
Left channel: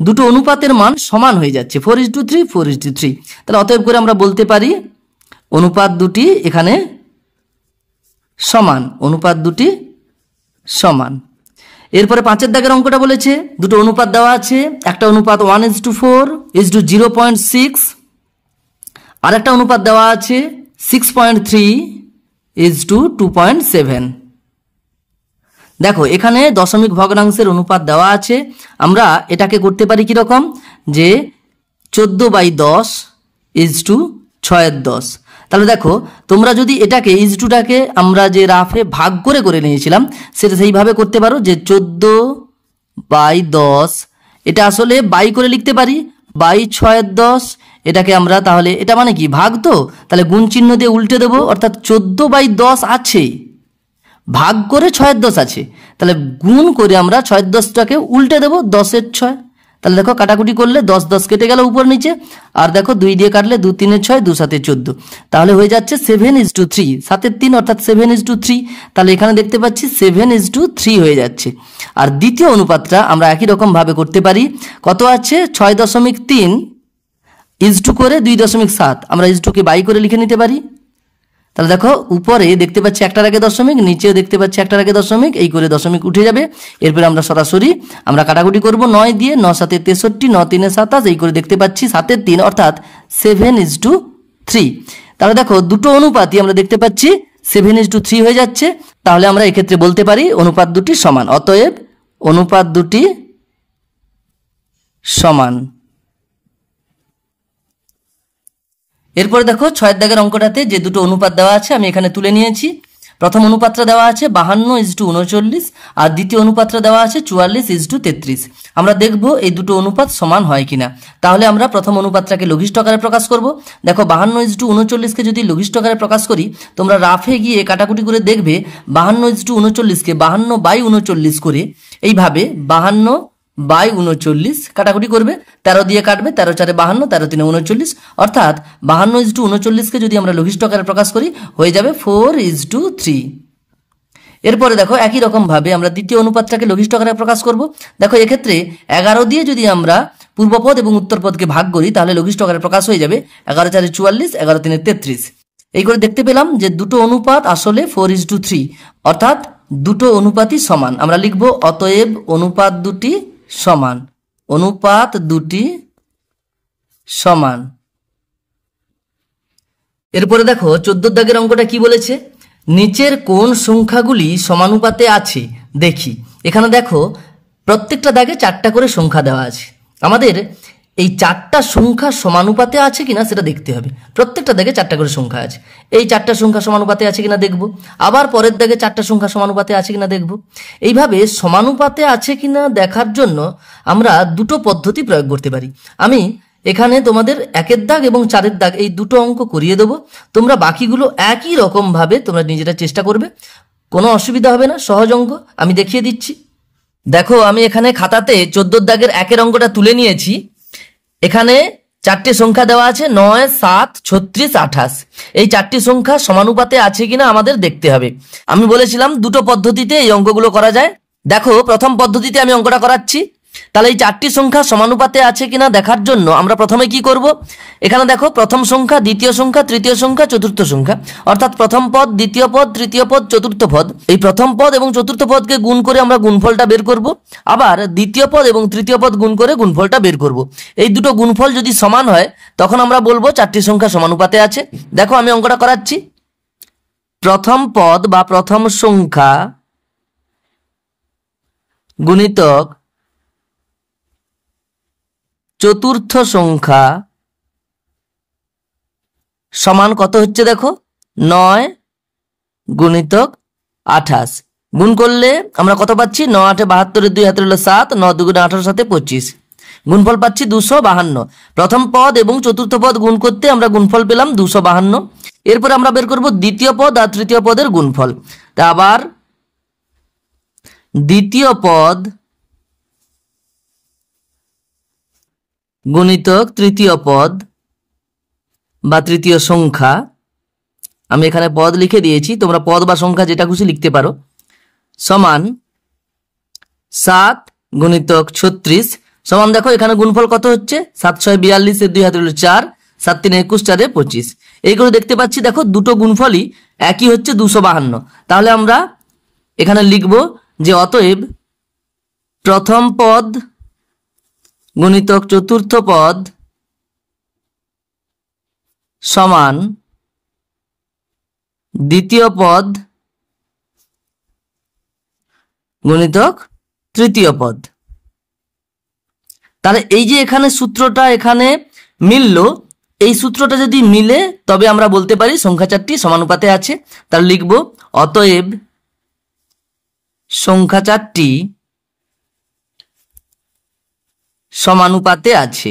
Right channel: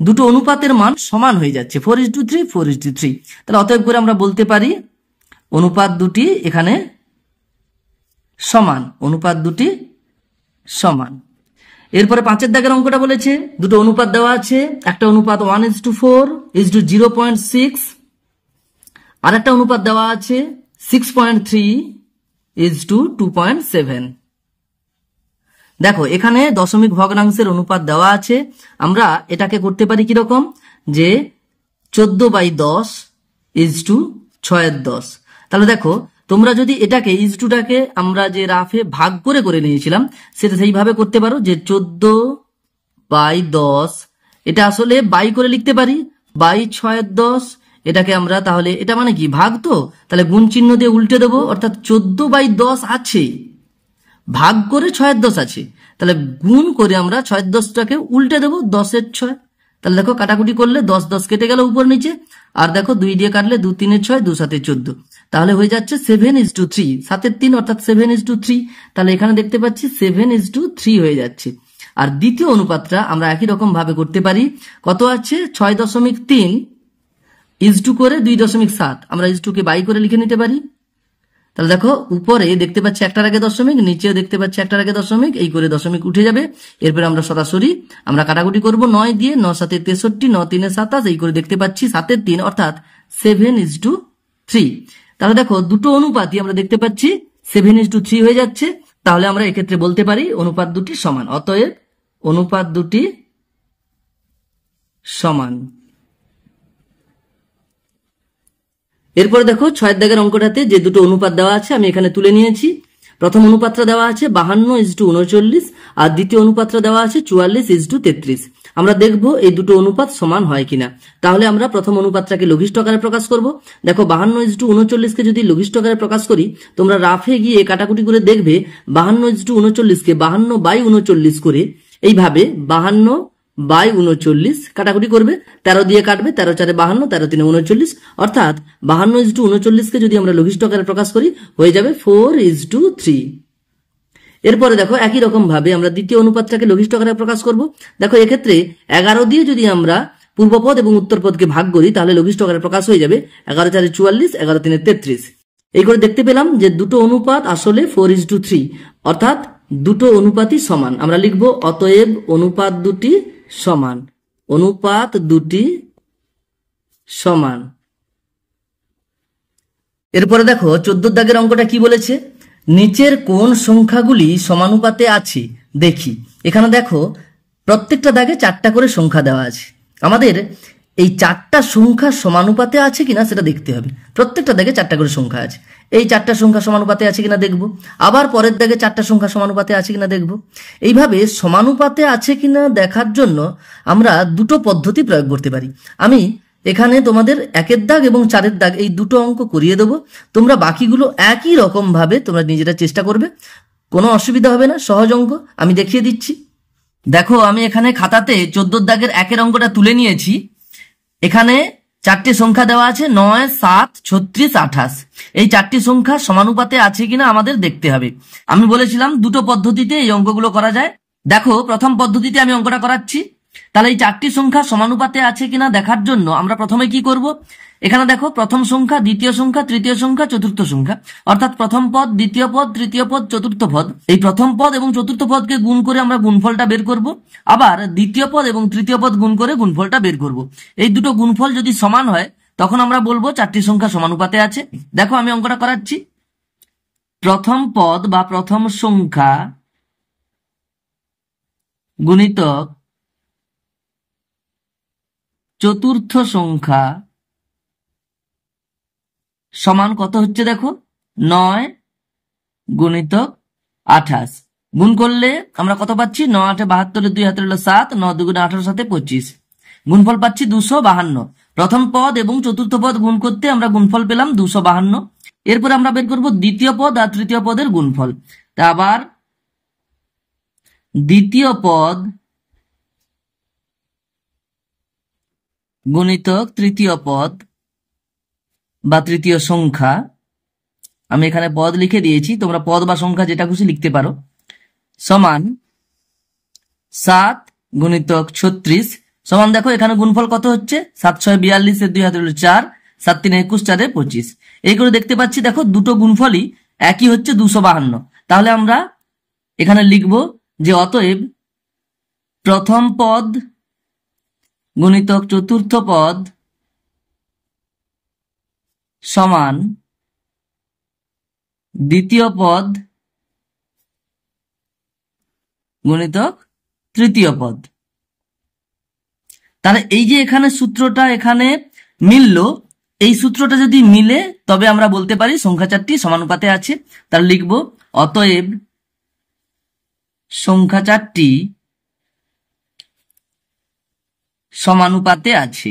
দুটো অনুপাতের মান সমান হয়ে যাচ্ছে, 4:3, 4:3। তাহলে অতএব করে আমরা বলতে পারি অনুপাত দুটি এখানে সমান, অনুপাত দুটি সমান। এরপরে 5 এর দাগের অঙ্কটা বলেছে দুটো অনুপাত দেওয়া আছে, একটা অনুপাত 1:4:0.6, আর একটা অনুপাত দেওয়া আছে 6.3:2.7। দেখো এখানে দশমিক ভগ্নাংশের অনুপাত দেওয়া আছে। আমরা এটাকে করতে পারি কিরকম, যে 14/10:6/10। তাহলে দেখো তোমরা যদি এটাকে ইজটুটাকে আমরা যে রাফে ভাগ করে নিয়েছিলাম, সেটা সেইভাবে করতে পারো, যে 14/10, এটা আসলে বাই করে লিখতে পারি, 6/10। এটাকে আমরা তাহলে এটা মানে কি ভাগ, তো তাহলে গুণ চিহ্ন দিয়ে উল্টে দেবো, অর্থাৎ 14/10 আছে, ভাগ করে 6/10 আছে, তাহলে গুণ করে আমরা 6/10টাকে উল্টে দেবো 10 এর 6। তাহলে দেখো কাটাকুটি করলে 10 10 কেটে গেল উপর নিচে, আর দেখো 2 দিয়ে কাটলে 2 3 6, 2 7 14। তাহলে হয়ে যাচ্ছে 7:3, 7 3 অর্থাৎ 7:3। তাহলে এখানে দেখতে পাচ্ছি 7:3 হয়ে যাচ্ছে। আর দ্বিতীয় অনুপাতটা আমরা একই রকম ভাবে করতে পারি, কত আছে 6.3 ইজটু করে 2.7, আমরা ইজটুকে বাই করে লিখে নিতে পারি। তাহলে দেখো উপরে দেখতে পাচ্ছি একটার আগে দশমিক, নিচেও দেখতে পাচ্ছি একটার আগে দশমিক, এই করে দশমিক উঠে যাবে। এরপরে আমরা সরাসরি আমরা কাটাকুটি করব 9 দিয়ে, 9 7 63, 9 3 27, এই করে দেখতে পাচ্ছি 7 3 অর্থাৎ 7:3। তাহলে দেখো দুটো অনুপাতই আমরা দেখতে পাচ্ছি 7:3 হয়ে যাচ্ছে। তাহলে আমরা এক্ষেত্রে বলতে পারি অনুপাত দুটি সমান, অতএব অনুপাত দুটি সমান। এরপর দেখো 6 এর দাগের অঙ্কটাতে যে দুটো অনুপাত দেওয়া আছে আমি এখানে তুলে নিয়েছি। প্রথম অনুপাতটা দেওয়া আছে 52:39 আর দ্বিতীয় অনুপাতটা দেওয়া আছে 44:33। আমরা দেখব এই দুটো অনুপাত সমান হয় কিনা। তাহলে আমরা প্রথম অনুপাতটাকে লঘিষ্ঠ আকারে প্রকাশ করব। দেখো 52:39কে যদি লঘিষ্ঠ আকারে প্রকাশ করি, তোমরা রাফে গিয়ে কাটাকুটি করে দেখবে 52:39কে 52/39 করে এইভাবে 52 বাই 39 কাটাকুটি করবে, 13 দিয়ে কাটবে, 13 4 52, 13 3 39, অর্থাৎ 52:39কে যদি আমরা লঘিষ্ঠ আকারে প্রকাশ করি হয়ে যাবে 4:3। এরপরে দেখো একই রকম ভাবে আমরা দ্বিতীয় অনুপাতটাকে লঘিষ্ঠ আকারে প্রকাশ করব। দেখো এক্ষেত্রে 11 দিয়ে যদি আমরা পূর্বপদ এবং উত্তরপদকে ভাগ করি তাহলে লঘিষ্ঠ আকারে প্রকাশ হয়ে যাবে 11 4 44, 11 3 33। এই করে দেখতে পেলাম যে দুটো অনুপাত আসলে 4:3, অর্থাৎ দুটো অনুপাতই সমান। আমরা লিখব অতএব অনুপাত দুটি সমান, অনুপাত দুটি সমান। এরপরে দেখো 14 দাগের অঙ্কটা কি বলেছে, নিচের কোন সংখ্যাগুলি সমানুপাতে আছে দেখি। এখানে দেখো প্রত্যেকটা দাগে 4টা করে সংখ্যা দেওয়া আছে। আমাদের এই 4টা সংখ্যা সমানুপাতে আছে কিনা সেটা দেখতে হবে। প্রত্যেকটা দাগে 4টা করে সংখ্যা আছে, এই 4টা সংখ্যা সমানুপাতে আছে কিনা দেখব। আবার পরের দাগে 4টা সংখ্যা সমানুপাতে আছে কিনা দেখব। এইভাবে সমানুপাতে আছে কিনা দেখার জন্য আমরা দুটো পদ্ধতি প্রয়োগ করতে পারি। আমি এখানে তোমাদের 1-এর দাগ এবং 4-এর দাগ এই দুটো অঙ্ক করিয়ে দেবো। তোমরা বাকিগুলো একই রকম ভাবে তোমরা নিজেরা চেষ্টা করবে, কোনো অসুবিধা হবে না, সহজ অঙ্ক আমি দেখিয়ে দিচ্ছি। দেখো আমি এখানে খাতাতে 14 দাগের 1-এর অঙ্কটা তুলে নিয়েছি। এখানে 4টি সংখ্যা দেওয়া আছে 9, 7, 36, 28। এই 4টি সংখ্যা সমানুপাতে আছে কিনা আমাদের দেখতে হবে। আমি বলেছিলাম দুটো পদ্ধতিতে এই অঙ্কগুলো করা যায়। দেখো প্রথম পদ্ধতিতে আমি অঙ্কটা করাচ্ছি। তাহলে এই 4টি সংখ্যা সমানুপাতে আছে কিনা দেখার জন্য আমরা প্রথমে কি করব, এখানে দেখো প্রথম সংখ্যা, দ্বিতীয় সংখ্যা, তৃতীয় সংখ্যা, চতুর্থ সংখ্যা, অর্থাৎ প্রথম পদ, দ্বিতীয় পদ, তৃতীয় পদ, চতুর্থ পদ। এই প্রথম পদ এবং চতুর্থ পদকে গুণ করে আমরা গুণফলটা বের করব। আবার দ্বিতীয় পদ এবং তৃতীয় পদ গুণ করে গুণফলটা বের করব। এই দুটো গুণফল যদি সমান হয় তখন আমরা বলবো 4টি সংখ্যা সমানুপাতে আছে। দেখো আমি অঙ্কটা করাচ্ছি। প্রথম পদ বা প্রথম সংখ্যা গুণিতক চতুর্থ সংখ্যা সমান কত হচ্ছে দেখো, 9 গুণিতক 28। গুণ করলে আমরা কত পাচ্ছি, 9 8 72, 2 হাতে হলো 7, 9 2 18, 7 25। গুণফল পাচ্ছি 252। প্রথম পদ এবং চতুর্থ পদ গুণ করতে আমরা গুণফল পেলাম 252। এরপর আমরা বের করব দ্বিতীয় পদ আর তৃতীয় পদের গুণফল। তা আবার দ্বিতীয় পদ গুণিতক তৃতীয় পদ বা তৃতীয় সংখ্যা, আমি এখানে পদ লিখে দিয়েছি, তোমরা পদ বা সংখ্যা যেটা খুশি লিখতে পারো, সমান 7 গুণিতক 36 সমান দেখো এখানে গুণফল কত হচ্ছে, 7 6 42, 2 হাতে হলো 4, 7 3 21, 4 25। এই করে দেখতে পাচ্ছি দেখো দুটো গুণফলই একই হচ্ছে 252। তাহলে আমরা এখানে লিখব যে অতএব প্রথম পদ গুণিতক চতুর্থ পদ সমান দ্বিতীয় পদ গুণিতক তৃতীয় পদ। তাহলে এই যে এখানে সূত্রটা এখানে মিলল, এই সূত্রটা যদি মিলে তবে আমরা বলতে পারি সংখ্যা 4টি সমানুপাতে আছে। তাহলে লিখব অতএব সংখ্যা 4টি সমানুপাতে আছে।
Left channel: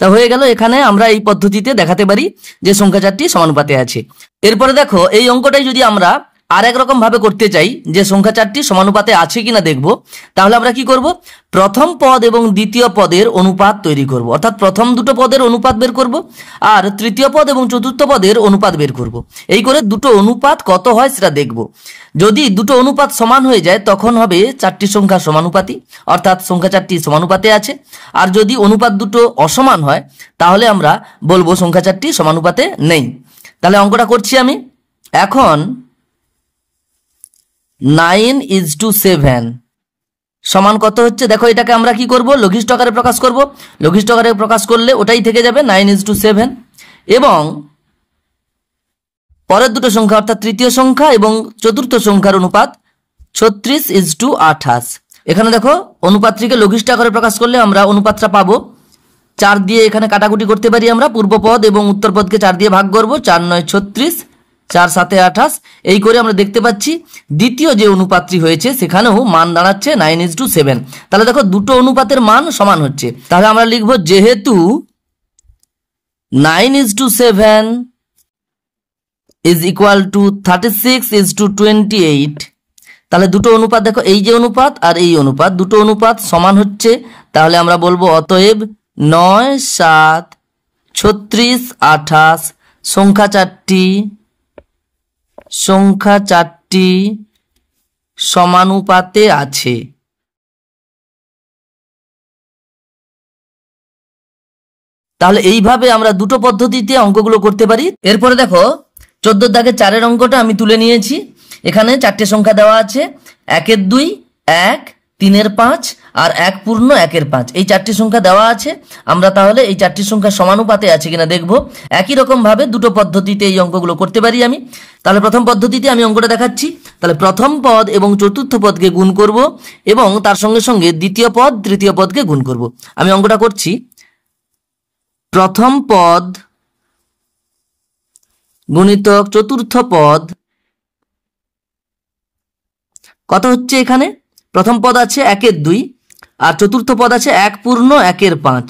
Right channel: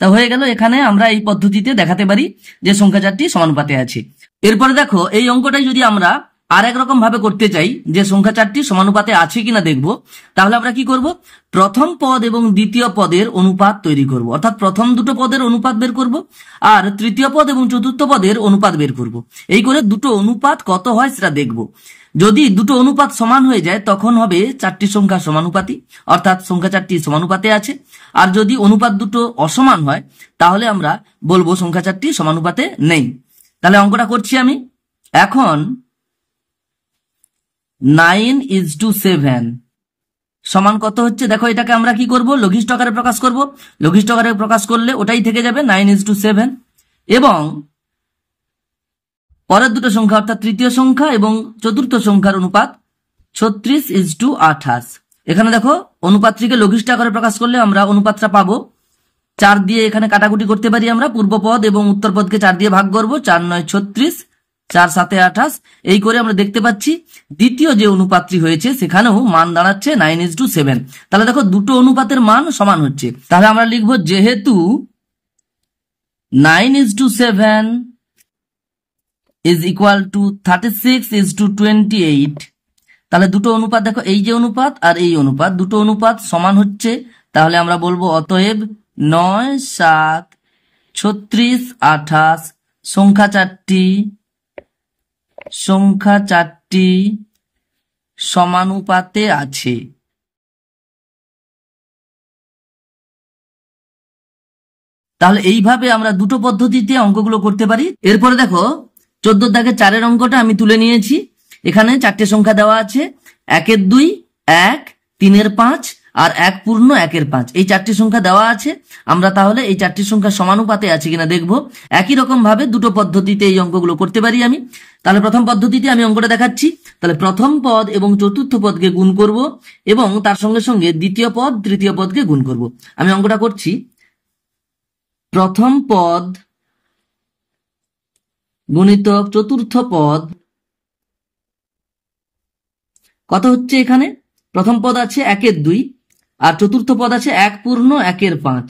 তা হয়ে গেল, এখানে আমরা এই পদ্ধতিতে দেখাতে পারি যে সংখ্যা 4টি সমানুপাতে আছে। এরপরে দেখো এই অঙ্কটাই যদি আমরা আর এক রকম ভাবে করতে চাই যে সংখ্যা 4টি সমানুপাতে আছে কিনা দেখব, তাহলে আমরা কি করব, প্রথম পদ এবং দ্বিতীয় পদের অনুপাত তৈরি করব, অর্থাৎ প্রথম দুটো পদের অনুপাত বের করব আর তৃতীয় পদ এবং চতুর্থ পদের অনুপাত বের করব। এই করে দুটো অনুপাত কত হয় সেটা দেখব। যদি দুটো অনুপাত সমান হয়ে যায় তখন হবে 4টি সংখ্যা সমানুপাতি, অর্থাৎ সংখ্যা 4টি সমানুপাতে আছে। আর যদি অনুপাত দুটো অসমান হয় তাহলে আমরা বলবো সংখ্যা 4টি সমানুপাতে নেই। তাহলে অঙ্কটা করছি আমি। এখন 9:7 সমান কত হচ্ছে দেখো, এটাকে আমরা কি করব, লঘিষ্ঠ আকারে প্রকাশ করব। লঘিষ্ঠ আকারে প্রকাশ করলে ওটাই থেকে যাবে 9:7 এবং পরের দুটো সংখ্যা অর্থাৎ তৃতীয় সংখ্যা এবং চতুর্থ সংখ্যার অনুপাত 36:28। এখানে দেখো অনুপাতটিকে লঘিষ্ঠ আকারে প্রকাশ করলে আমরা অনুপাতটা পাবো 4 দিয়ে। এখানে কাটাকুটি করতে পারি আমরা, পূর্বপদ এবং উত্তরপদকে 4 দিয়ে ভাগ করব, 4 9 36, 4 7 28। এই করে আমরা দেখতে পাচ্ছি দ্বিতীয় যে অনুপাতটি হয়েছে সেখানেও মান দাঁড়াচ্ছে 9:7। তাহলে দেখো দুটো অনুপাতের মান সমান হচ্ছে। তাহলে আমরা লিখব যেহেতু 9:7 is equal to 36:28, তাহলে দুটো অনুপাত দেখো, এই যে অনুপাত আর এই অনুপাত, দুটো অনুপাত সমান হচ্ছে। তাহলে আমরা বলবো অতএব 9, 7, 36, 28 সংখ্যা চারটি সমানুপাতে আছে। তাহলে এইভাবে আমরা দুটো পদ্ধতিতে অঙ্কগুলো করতে পারি। এরপরে দেখো 14 দাগে 4 অঙ্কটা আমি তুলে নিয়েছি। এখানে চারটে সংখ্যা দেওয়া আছে, 1 2, 1, 3 5 আর 1 পূর্ণ 1 5। এই চারটি সংখ্যা দেওয়া আছে। আমরা তাহলে এই চারটি সংখ্যা সমানুপাতে আছে কিনা দেখব। একই রকম ভাবে দুটো পদ্ধতিতে এই অঙ্কগুলো করতে পারি আমি। তাহলে প্রথম পদ্ধতিতে আমি অঙ্কটা দেখাচ্ছি। তাহলে প্রথম পদ এবং চতুর্থ পদকে গুণ করব এবং তার সঙ্গে সঙ্গে দ্বিতীয় পদ তৃতীয় পদকে গুণ করব। আমি অঙ্কটা করছি। প্রথম পদ গুণিতক চতুর্থ পদ কত হচ্ছে? এখানে প্রথম পদ আছে 1 2 আর চতুর্থ পদ আছে 1 পূর্ণ 1 5।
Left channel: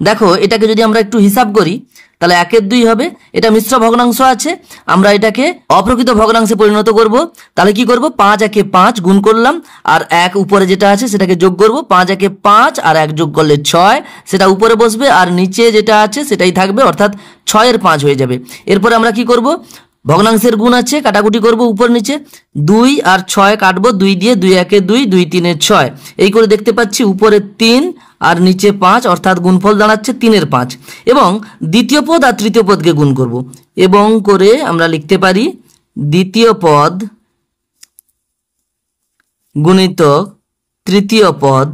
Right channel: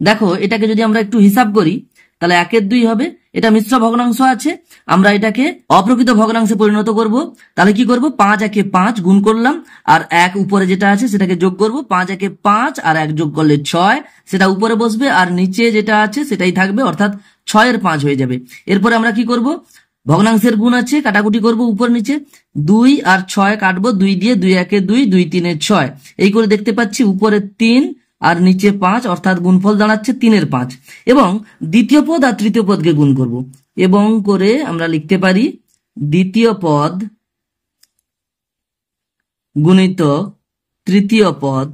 দেখো এটাকে যদি আমরা একটু হিসাব করি তাহলে 1 2 হবে। এটা মিশ্র ভগ্নাংশ আছে, আমরা এটাকে অপ্রকৃত ভগ্নাংশে পরিণত করব। তাহলে কি করব? 5 1 5 গুণ করলাম আর 1 উপরে যেটা আছে সেটাকে যোগ করব। 5 1 5 আর 1 যোগ করলে 6, সেটা উপরে বসবে আর নিচে যেটা আছে সেটাই থাকবে, অর্থাৎ 6 এর 5 হয়ে যাবে। এরপর আমরা কি করব? ভগ্নাংশের গুণ আছে, কাটাকুটি করব উপর নিচে। 2 আর 6 কাটবো 2 দিয়ে, 2 1 2, 2 3 6। এই করে দেখতে পাচ্ছি উপরে 3 আর নিচে 5, অর্থাৎ গুণফল দাঁড়াচ্ছে 3 এর 5। এবং দ্বিতীয় পদ আর তৃতীয় পদকে গুণ করব এবং করে আমরা লিখতে পারি দ্বিতীয় পদ গুণিতক তৃতীয় পদ।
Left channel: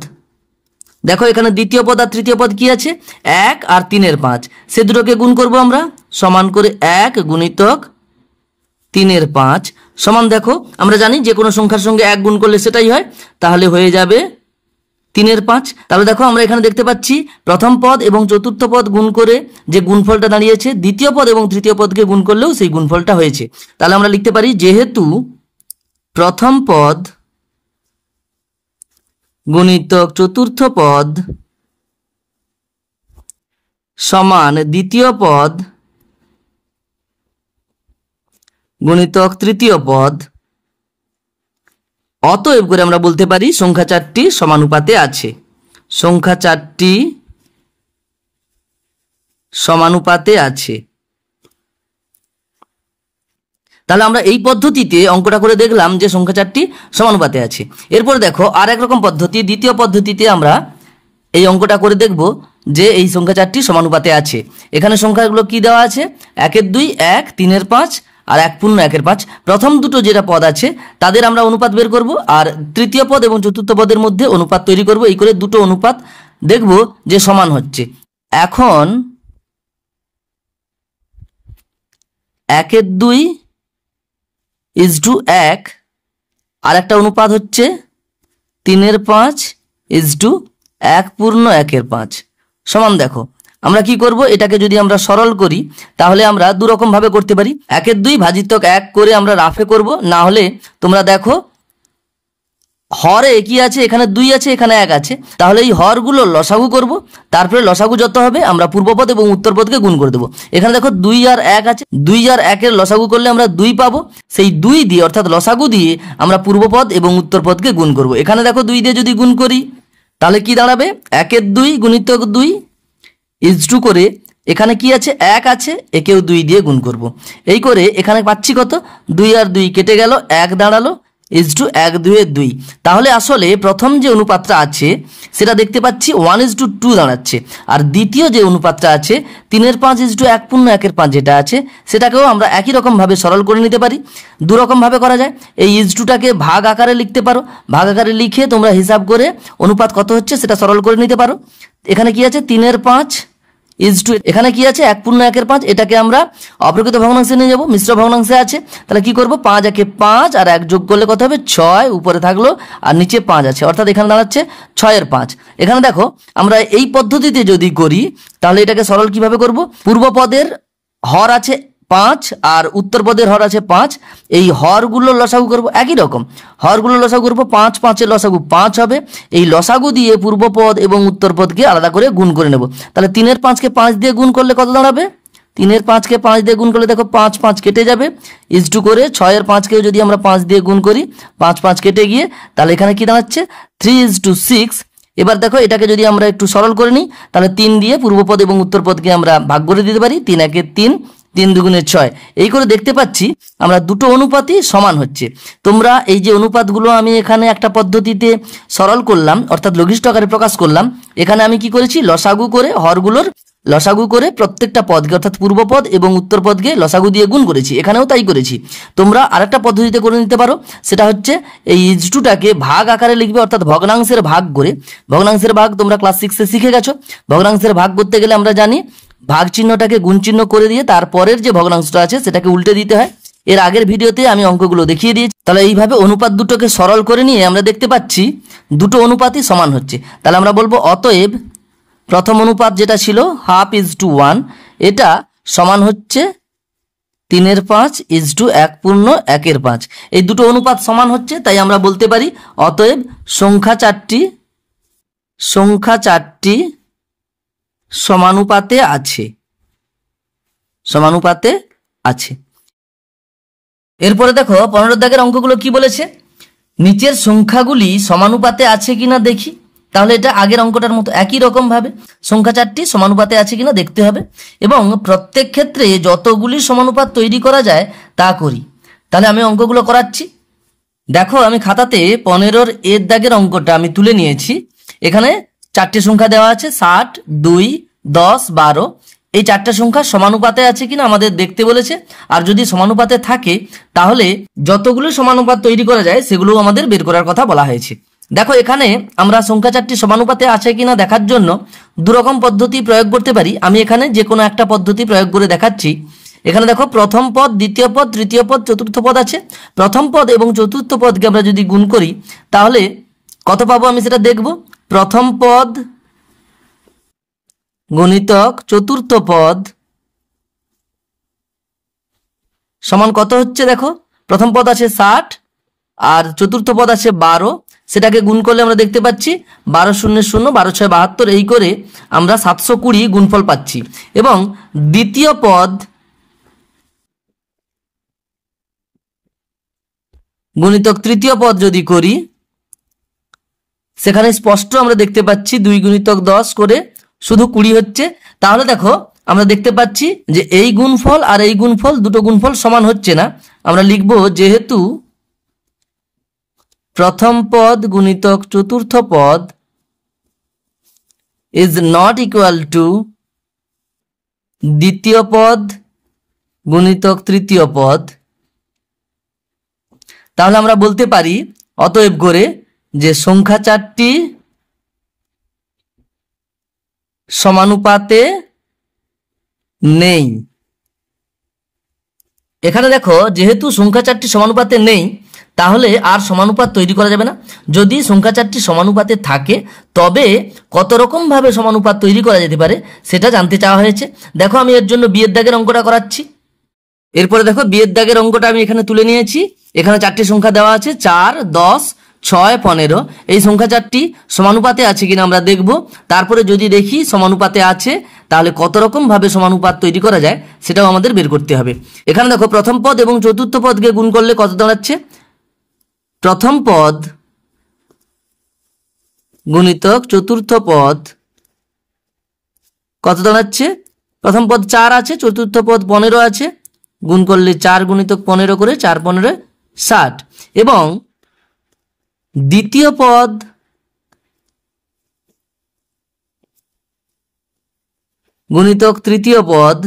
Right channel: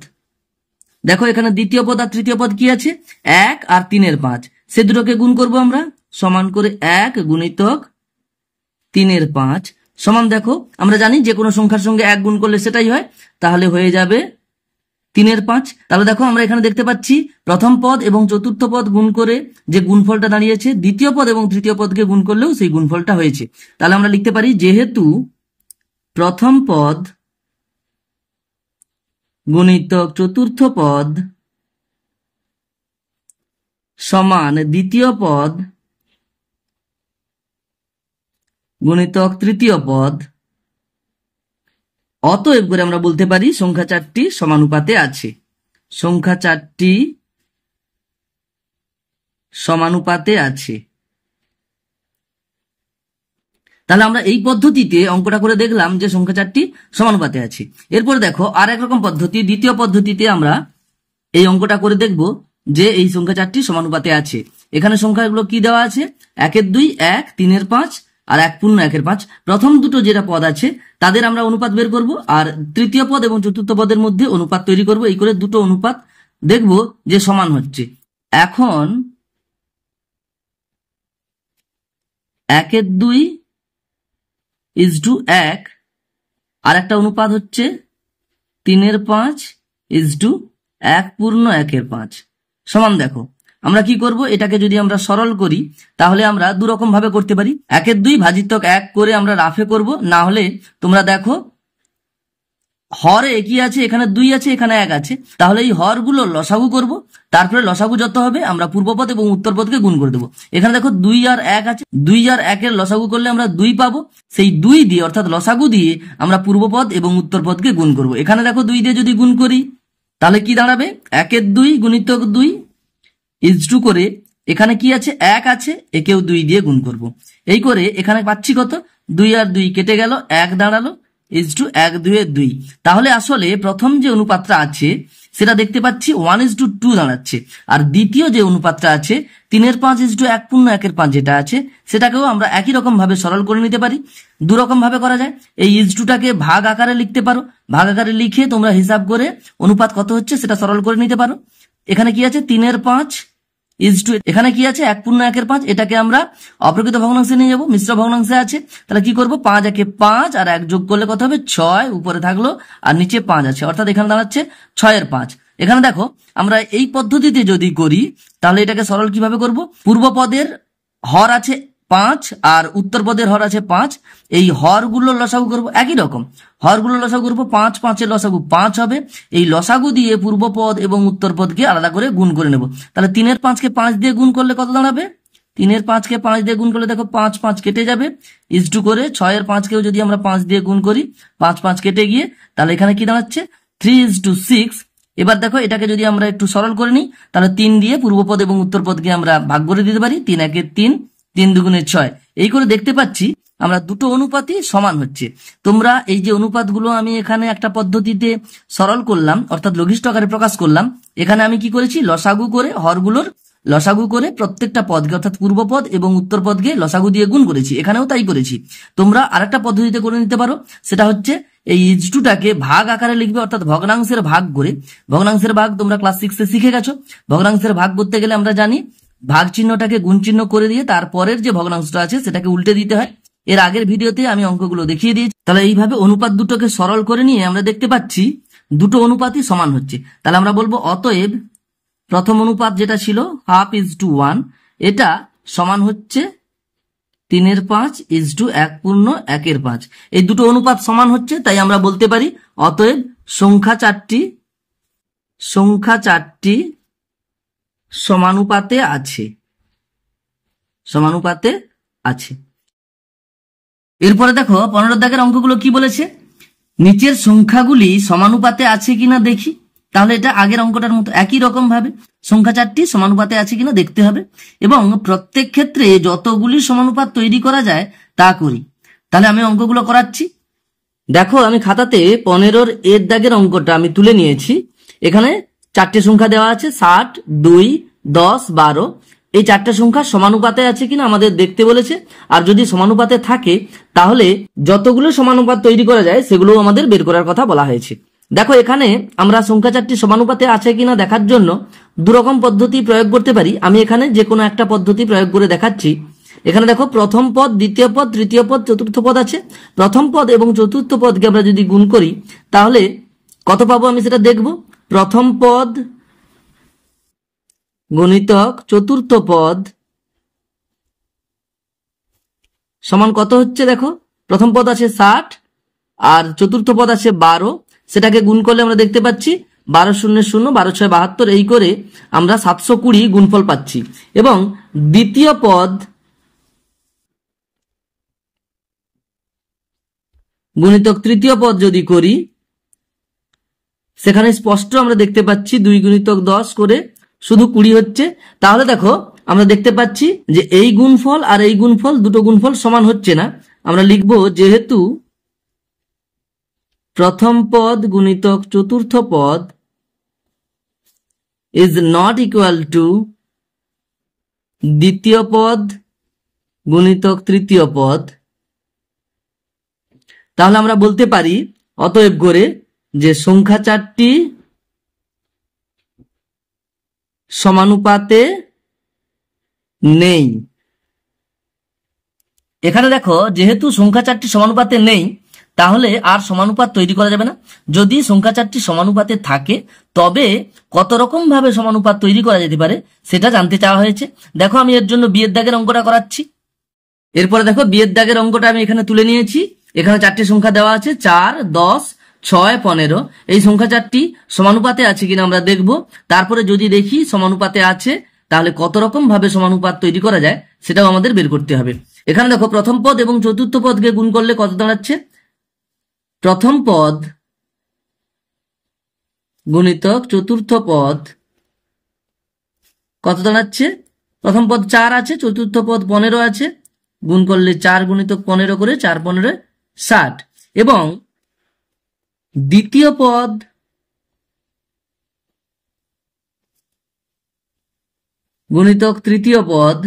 দেখো এখানে দ্বিতীয় পদ আর তৃতীয় পদ কি আছে? 1 আর 3 এর 5, সে দুটোকে গুণ করব আমরা। সমান করে 1 গুণিতক 3 এর 5 সমান, দেখো আমরা জানি যে কোনো সংখ্যার সঙ্গে 1 গুণ করলে সেটাই হয়, তাহলে হয়ে যাবে 3 এর 5। তাহলে দেখো আমরা এখানে দেখতে পাচ্ছি প্রথম পদ এবং চতুর্থ পদ গুণ করে যে গুণফলটা দাঁড়িয়েছে, দ্বিতীয় পদ এবং তৃতীয় পদকে গুণ করলেও সেই গুণফলটা হয়েছে। তাহলে আমরা লিখতে পারি যেহেতু প্রথম পদ গুণিতক চতুর্থ পদ সমান দ্বিতীয় পদ গুণিতক তৃতীয় পদ, অতএব করে আমরা বলতে পারি সংখ্যা চারটি সমানুপাতে আছে। সংখ্যা চারটি সমানুপাতে আছে। তাহলে আমরা এই পদ্ধতিতে অঙ্কটা করে দেখলাম যে সংখ্যা চারটি সমানুপাতে আছে। এরপর দেখো আর এক রকম পদ্ধতি, দ্বিতীয় পদ্ধতিতে আমরা এই অঙ্কটা করে দেখব যে এই সংখ্যা চারটি সমানুপাতে আছে। এখানে সংখ্যাগুলো কি দেওয়া আছে? 1 2, 1, 3 এর 5 আর 1 পূর্ণ 1 5। প্রথম দুটো যেটা পদ আছে তাদের আমরা অনুপাত বের করব আর তৃতীয় পদ এবং চতুর্থ পদের মধ্যে অনুপাত তৈরি করব। এই করে দুটো অনুপাত দেখব যে সমান হচ্ছে। এখন 1 2 1 আর একটা অনুপাত হচ্ছে 3 5 1 পূর্ণ 1 5 সমান। দেখো আমরা কি করব? এটাকে যদি আমরা সরল করি তাহলে আমরা দু রকম ভাবে করতে পারি। 1 2 ভাজিতক 1 করে আমরা রাফে করব, না হলে তোমরা দেখো হরে কি আছে? এখানে 2 আছে, এখানে 1 আছে। তাহলে এই হরগুলো লসাগু করব, তারপরে লসাগু যত হবে আমরা পূর্বপদ এবং উত্তরপদকে গুণ করে দেবো। এখানে দেখো 2 আর 1 আছে, 2 আর 1 এর লসাগু করলে আমরা 2 পাবো। সেই 2 দিয়ে অর্থাৎ লসাগু দিয়ে আমরা পূর্বপদ এবং উত্তরপদকে গুণ করব। এখানে দেখো 2 দিয়ে যদি গুণ করি তাহলে কি দাঁড়াবে? 1 2 গুণিতক 2 ইজটু করে এখানে কি আছে? 1 আছে, একেও 2 দিয়ে গুণ করব। এই করে এখানে পাচ্ছি কত? 2 আর 2 কেটে গেল, 1 দাঁড়ালো, ইজটু 1 2 2। তাহলে আসলে প্রথম যে অনুপাতটা আছে সেটা দেখতে পাচ্ছি 1:2 দাঁড়াচ্ছে, আর দ্বিতীয় যে অনুপাতটা আছে 3 5 1 পূর্ণ 1 5 যেটা আছে সেটাকেও আমরা একই রকম ভাবে সরল করে নিতে পারি। দু রকম ভাবে করা যায়। এই ইজটুটাকে ভাগ আকারে লিখতে পারো, ভাগ আকারে লিখে তোমরা হিসাব করে অনুপাত কত হচ্ছে সেটা সরল করে নিতে পারো। এখানে কি আছে? 3 5 এখানে কি আছে? 1 পূর্ণ 1 5। এটাকে আমরা অপ্রকৃত ভগ্নাংশে নিয়ে যাব, মিশ্র ভগ্নাংশে আছে। তাহলে কি করব? 5 1 5 আর 1 যোগ করলে কত হবে? 6 উপরে থাকলো আর নিচে 5 আছে, অর্থাৎ এখানে দাঁড়াচ্ছে 6 এর 5। এখানে দেখো আমরা এই পদ্ধতিতে যদি করি তাহলে এটাকে সরল কিভাবে করব? পূর্ব পদের হর আছে 5 আর উত্তর পদের হর আছে 5। এই হরগুলো লসাগু করব, একই রকম হরগুলো লসাগু করব। 5 5 এর লসাগু 5 হবে। এই লসাগু দিয়ে পূর্ব পদ এবং উত্তর পদকে আলাদা করে গুণ করে নেব। তাহলে 3 5 কে 5 দিয়ে গুণ করলে কত দাঁড়াবে? 3 এর 5কে 5 দিয়ে গুণ করলে দেখো 5 5 কেটে যাবে, ইজ টু করে 6 এর 5কেও যদি আমরা 5 দিয়ে গুণ করি 5 5 কেটে গিয়ে তাহলে এখানে কি দাঁড়াচ্ছে 3:6। এবার দেখো এটাকে যদি আমরা একটু সরল করে নিই তাহলে 3 দিয়ে পূর্বপদ এবং উত্তরপদকে আমরা ভাগ করে দিতে পারি, 3 একে 3, 3 দুগুণে 6। এই করে দেখতে পাচ্ছি আমরা দুটো অনুপাতই সমান হচ্ছে। তোমরা এই যে অনুপাতগুলো আমি এখানে একটা পদ্ধতিতে সরল করলাম অর্থাৎ লঘিষ্ঠ আকারে প্রকাশ করলাম, এখানে আমি কি করেছি লসাগু করে হরগুলোর লসাগু করে প্রত্যেকটা পদকে অর্থাৎ পূর্বপদ এবং উত্তরপদকে লসাগু দিয়ে গুণ করেছি, এখানেও তাই করেছি। তোমরা আরেকটা পদ্ধতিতে করে নিতে পারো, সেটা হচ্ছে এই ইজ2টাকে ভাগ আকারে লিখবে অর্থাৎ ভগ্নাংশের ভাগ করে। ভগ্নাংশের ভাগ তোমরা ক্লাস 6-এ শিখে গেছো। ভগ্নাংশের ভাগ করতে গেলে আমরা জানি ভাগ চিহ্নটাকে গুণ চিহ্ন করে দিয়ে তারপরের যে ভগ্নাংশটা আছে সেটাকে উল্টে দিতে হয়। এর আগের ভিডিওতে আমি অঙ্কগুলো দেখিয়ে দিয়েছি। তাহলে এইভাবে অনুপাত দুটোকে সরল করে নিয়ে আমরা দেখতে পাচ্ছি দুটো অনুপাতই সমান হচ্ছে। তাহলে আমরা বলবো অতএব প্রথম অনুপাত যেটা ছিল 1/2 এটা সমান হচ্ছে 3 এর 5 1/1 5। এই দুটো অনুপাত সমান হচ্ছে, তাই আমরা বলতে পারি অতএব সংখ্যা চারটি সমানুপাতে আছে। এরপরে দেখো 15 দাগের অঙ্কগুলো কি বলেছে, নিচের সংখ্যাগুলি সমানুপাতে আছে কিনা দেখি। তাহলে এটা আগের অঙ্কটার মতো একই রকম ভাবে সংখ্যা চারটি সমানুপাতে আছে কিনা দেখতে হবে এবং প্রত্যেক ক্ষেত্রে যতগুলি সমানুপাত তৈরি করা যায় তা করি। তাহলে আমি অঙ্কগুলো করাচ্ছি। দেখো আমি খাতাতে 15 এর দাগের অঙ্কটা আমি তুলে নিয়েছি। এখানে চারটি সংখ্যা দেওয়া আছে 60, 2, 10, 12। এই চারটা সংখ্যা সমানুপাতে আছে কিনা আমাদের দেখতে বলেছে, আর যদি সমানুপাতে থাকে তাহলে যতগুলো সমানুপাত তৈরি করা যায় সেগুলো আমাদের বের করার কথা বলা হয়েছে। দেখো এখানে আমরা সংখ্যা চারটি সমানুপাতে আছে কিনা দেখার জন্য দুরকম পদ্ধতি প্রয়োগ করতে পারি। আমি এখানে যে কোনো একটা পদ্ধতি প্রয়োগ করে দেখাচ্ছি। এখানে দেখো প্রথম পদ, দ্বিতীয় পদ, তৃতীয় পদ, চতুর্থ পদ আছে। প্রথম পদ এবং চতুর্থ পদকে আমরা যদি গুণ করি তাহলে কত পাবো আমি সেটা দেখব। প্রথম পদ গুণিতক চতুর্থ পদ সমান কত হচ্ছে, দেখো প্রথম পদ আছে 60 আর চতুর্থ পদ আছে 12, সেটাকে গুণ করলে আমরা দেখতে পাচ্ছি 12 0 0 12 6 72, এই করে আমরা 720 গুণফল পাচ্ছি। এবং দ্বিতীয় পদ গুণিতক তৃতীয় পদ যদি করি সেখানে স্পষ্ট আমরা দেখতে পাচ্ছি 2 গুণিতক 10 করে শুধু 20 হচ্ছে। তাহলে দেখো আমরা দেখতে পাচ্ছি যে এই গুণফল আর এই গুণফল দুটো গুণফল সমান হচ্ছে না। আমরা লিখব যেহেতু প্রথম পদ গুণিতক চতুর্থ পদ ইজ নট ইকুয়াল টু দ্বিতীয় পদ গুণিতক তৃতীয় পদ, তাহলে আমরা বলতে পারি অতএব করে যে সংখ্যা চারটি সমানুপাতে নেই। এখানে দেখো যেহেতু সংখ্যা চারটি সমানুপাতে নেই তাহলে আর সমানুপাত তৈরি করা যাবে না। যদি সংখ্যা চারটি সমানুপাতে থাকে তবে কত রকম ভাবে সমানুপাত তৈরি করা যেতে পারে সেটা জানতে চাওয়া হয়েছে। দেখো আমি এর জন্য বিয়ের দাগের অঙ্কটা করাচ্ছি। এরপরে দেখো বিয়ের দাগের অঙ্কটা আমি এখানে তুলে নিয়েছি। এখানে চারটি সংখ্যা দেওয়া আছে 4, 10, 6, 15। এই সংখ্যা চারটি সমানুপাতে আছে কিনা আমরা দেখব। তারপরে যদি দেখি সমানুপাতে আছে তাহলে কত রকম ভাবে সমানুপাত তৈরি করা যায় সেটাও আমাদের বের করতে হবে। এখানে দেখো প্রথম পদ এবং চতুর্থ পদকে গুণ করলে কত দাঁড়াচ্ছে, প্রথম পদ গুণিতক চতুর্থ পদ কত দাঁড়াচ্ছে, প্রথম পদ 4 আছে, চতুর্থ পদ 15 আছে, গুণ করলে 4 গুণিতক 15 করে 4 15 60। এবং দ্বিতীয় পদ গুণিতক তৃতীয় পদ,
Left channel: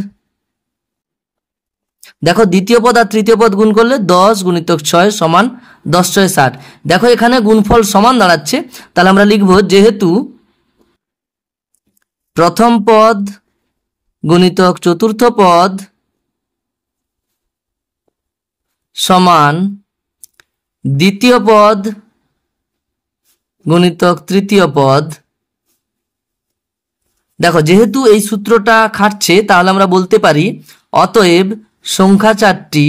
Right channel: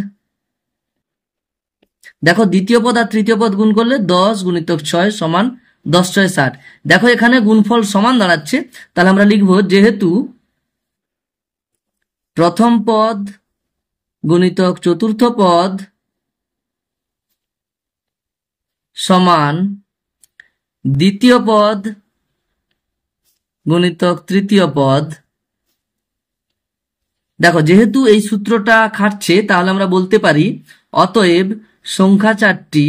দেখো দ্বিতীয় পদ আর তৃতীয় পদ গুণ করলে 10 গুণিতক 6 সমান 10 6 60। দেখো এখানে গুণফল সমান দাঁড়াচ্ছে। তাহলে আমরা লিখব যেহেতু প্রথম পদ গুণিতক চতুর্থ পদ সমান দ্বিতীয় পদ গুণিতক তৃতীয় পদ। দেখো যেহেতু এই সূত্রটা খাটছে তাহলে আমরা বলতে পারি অতএব সংখ্যা চারটি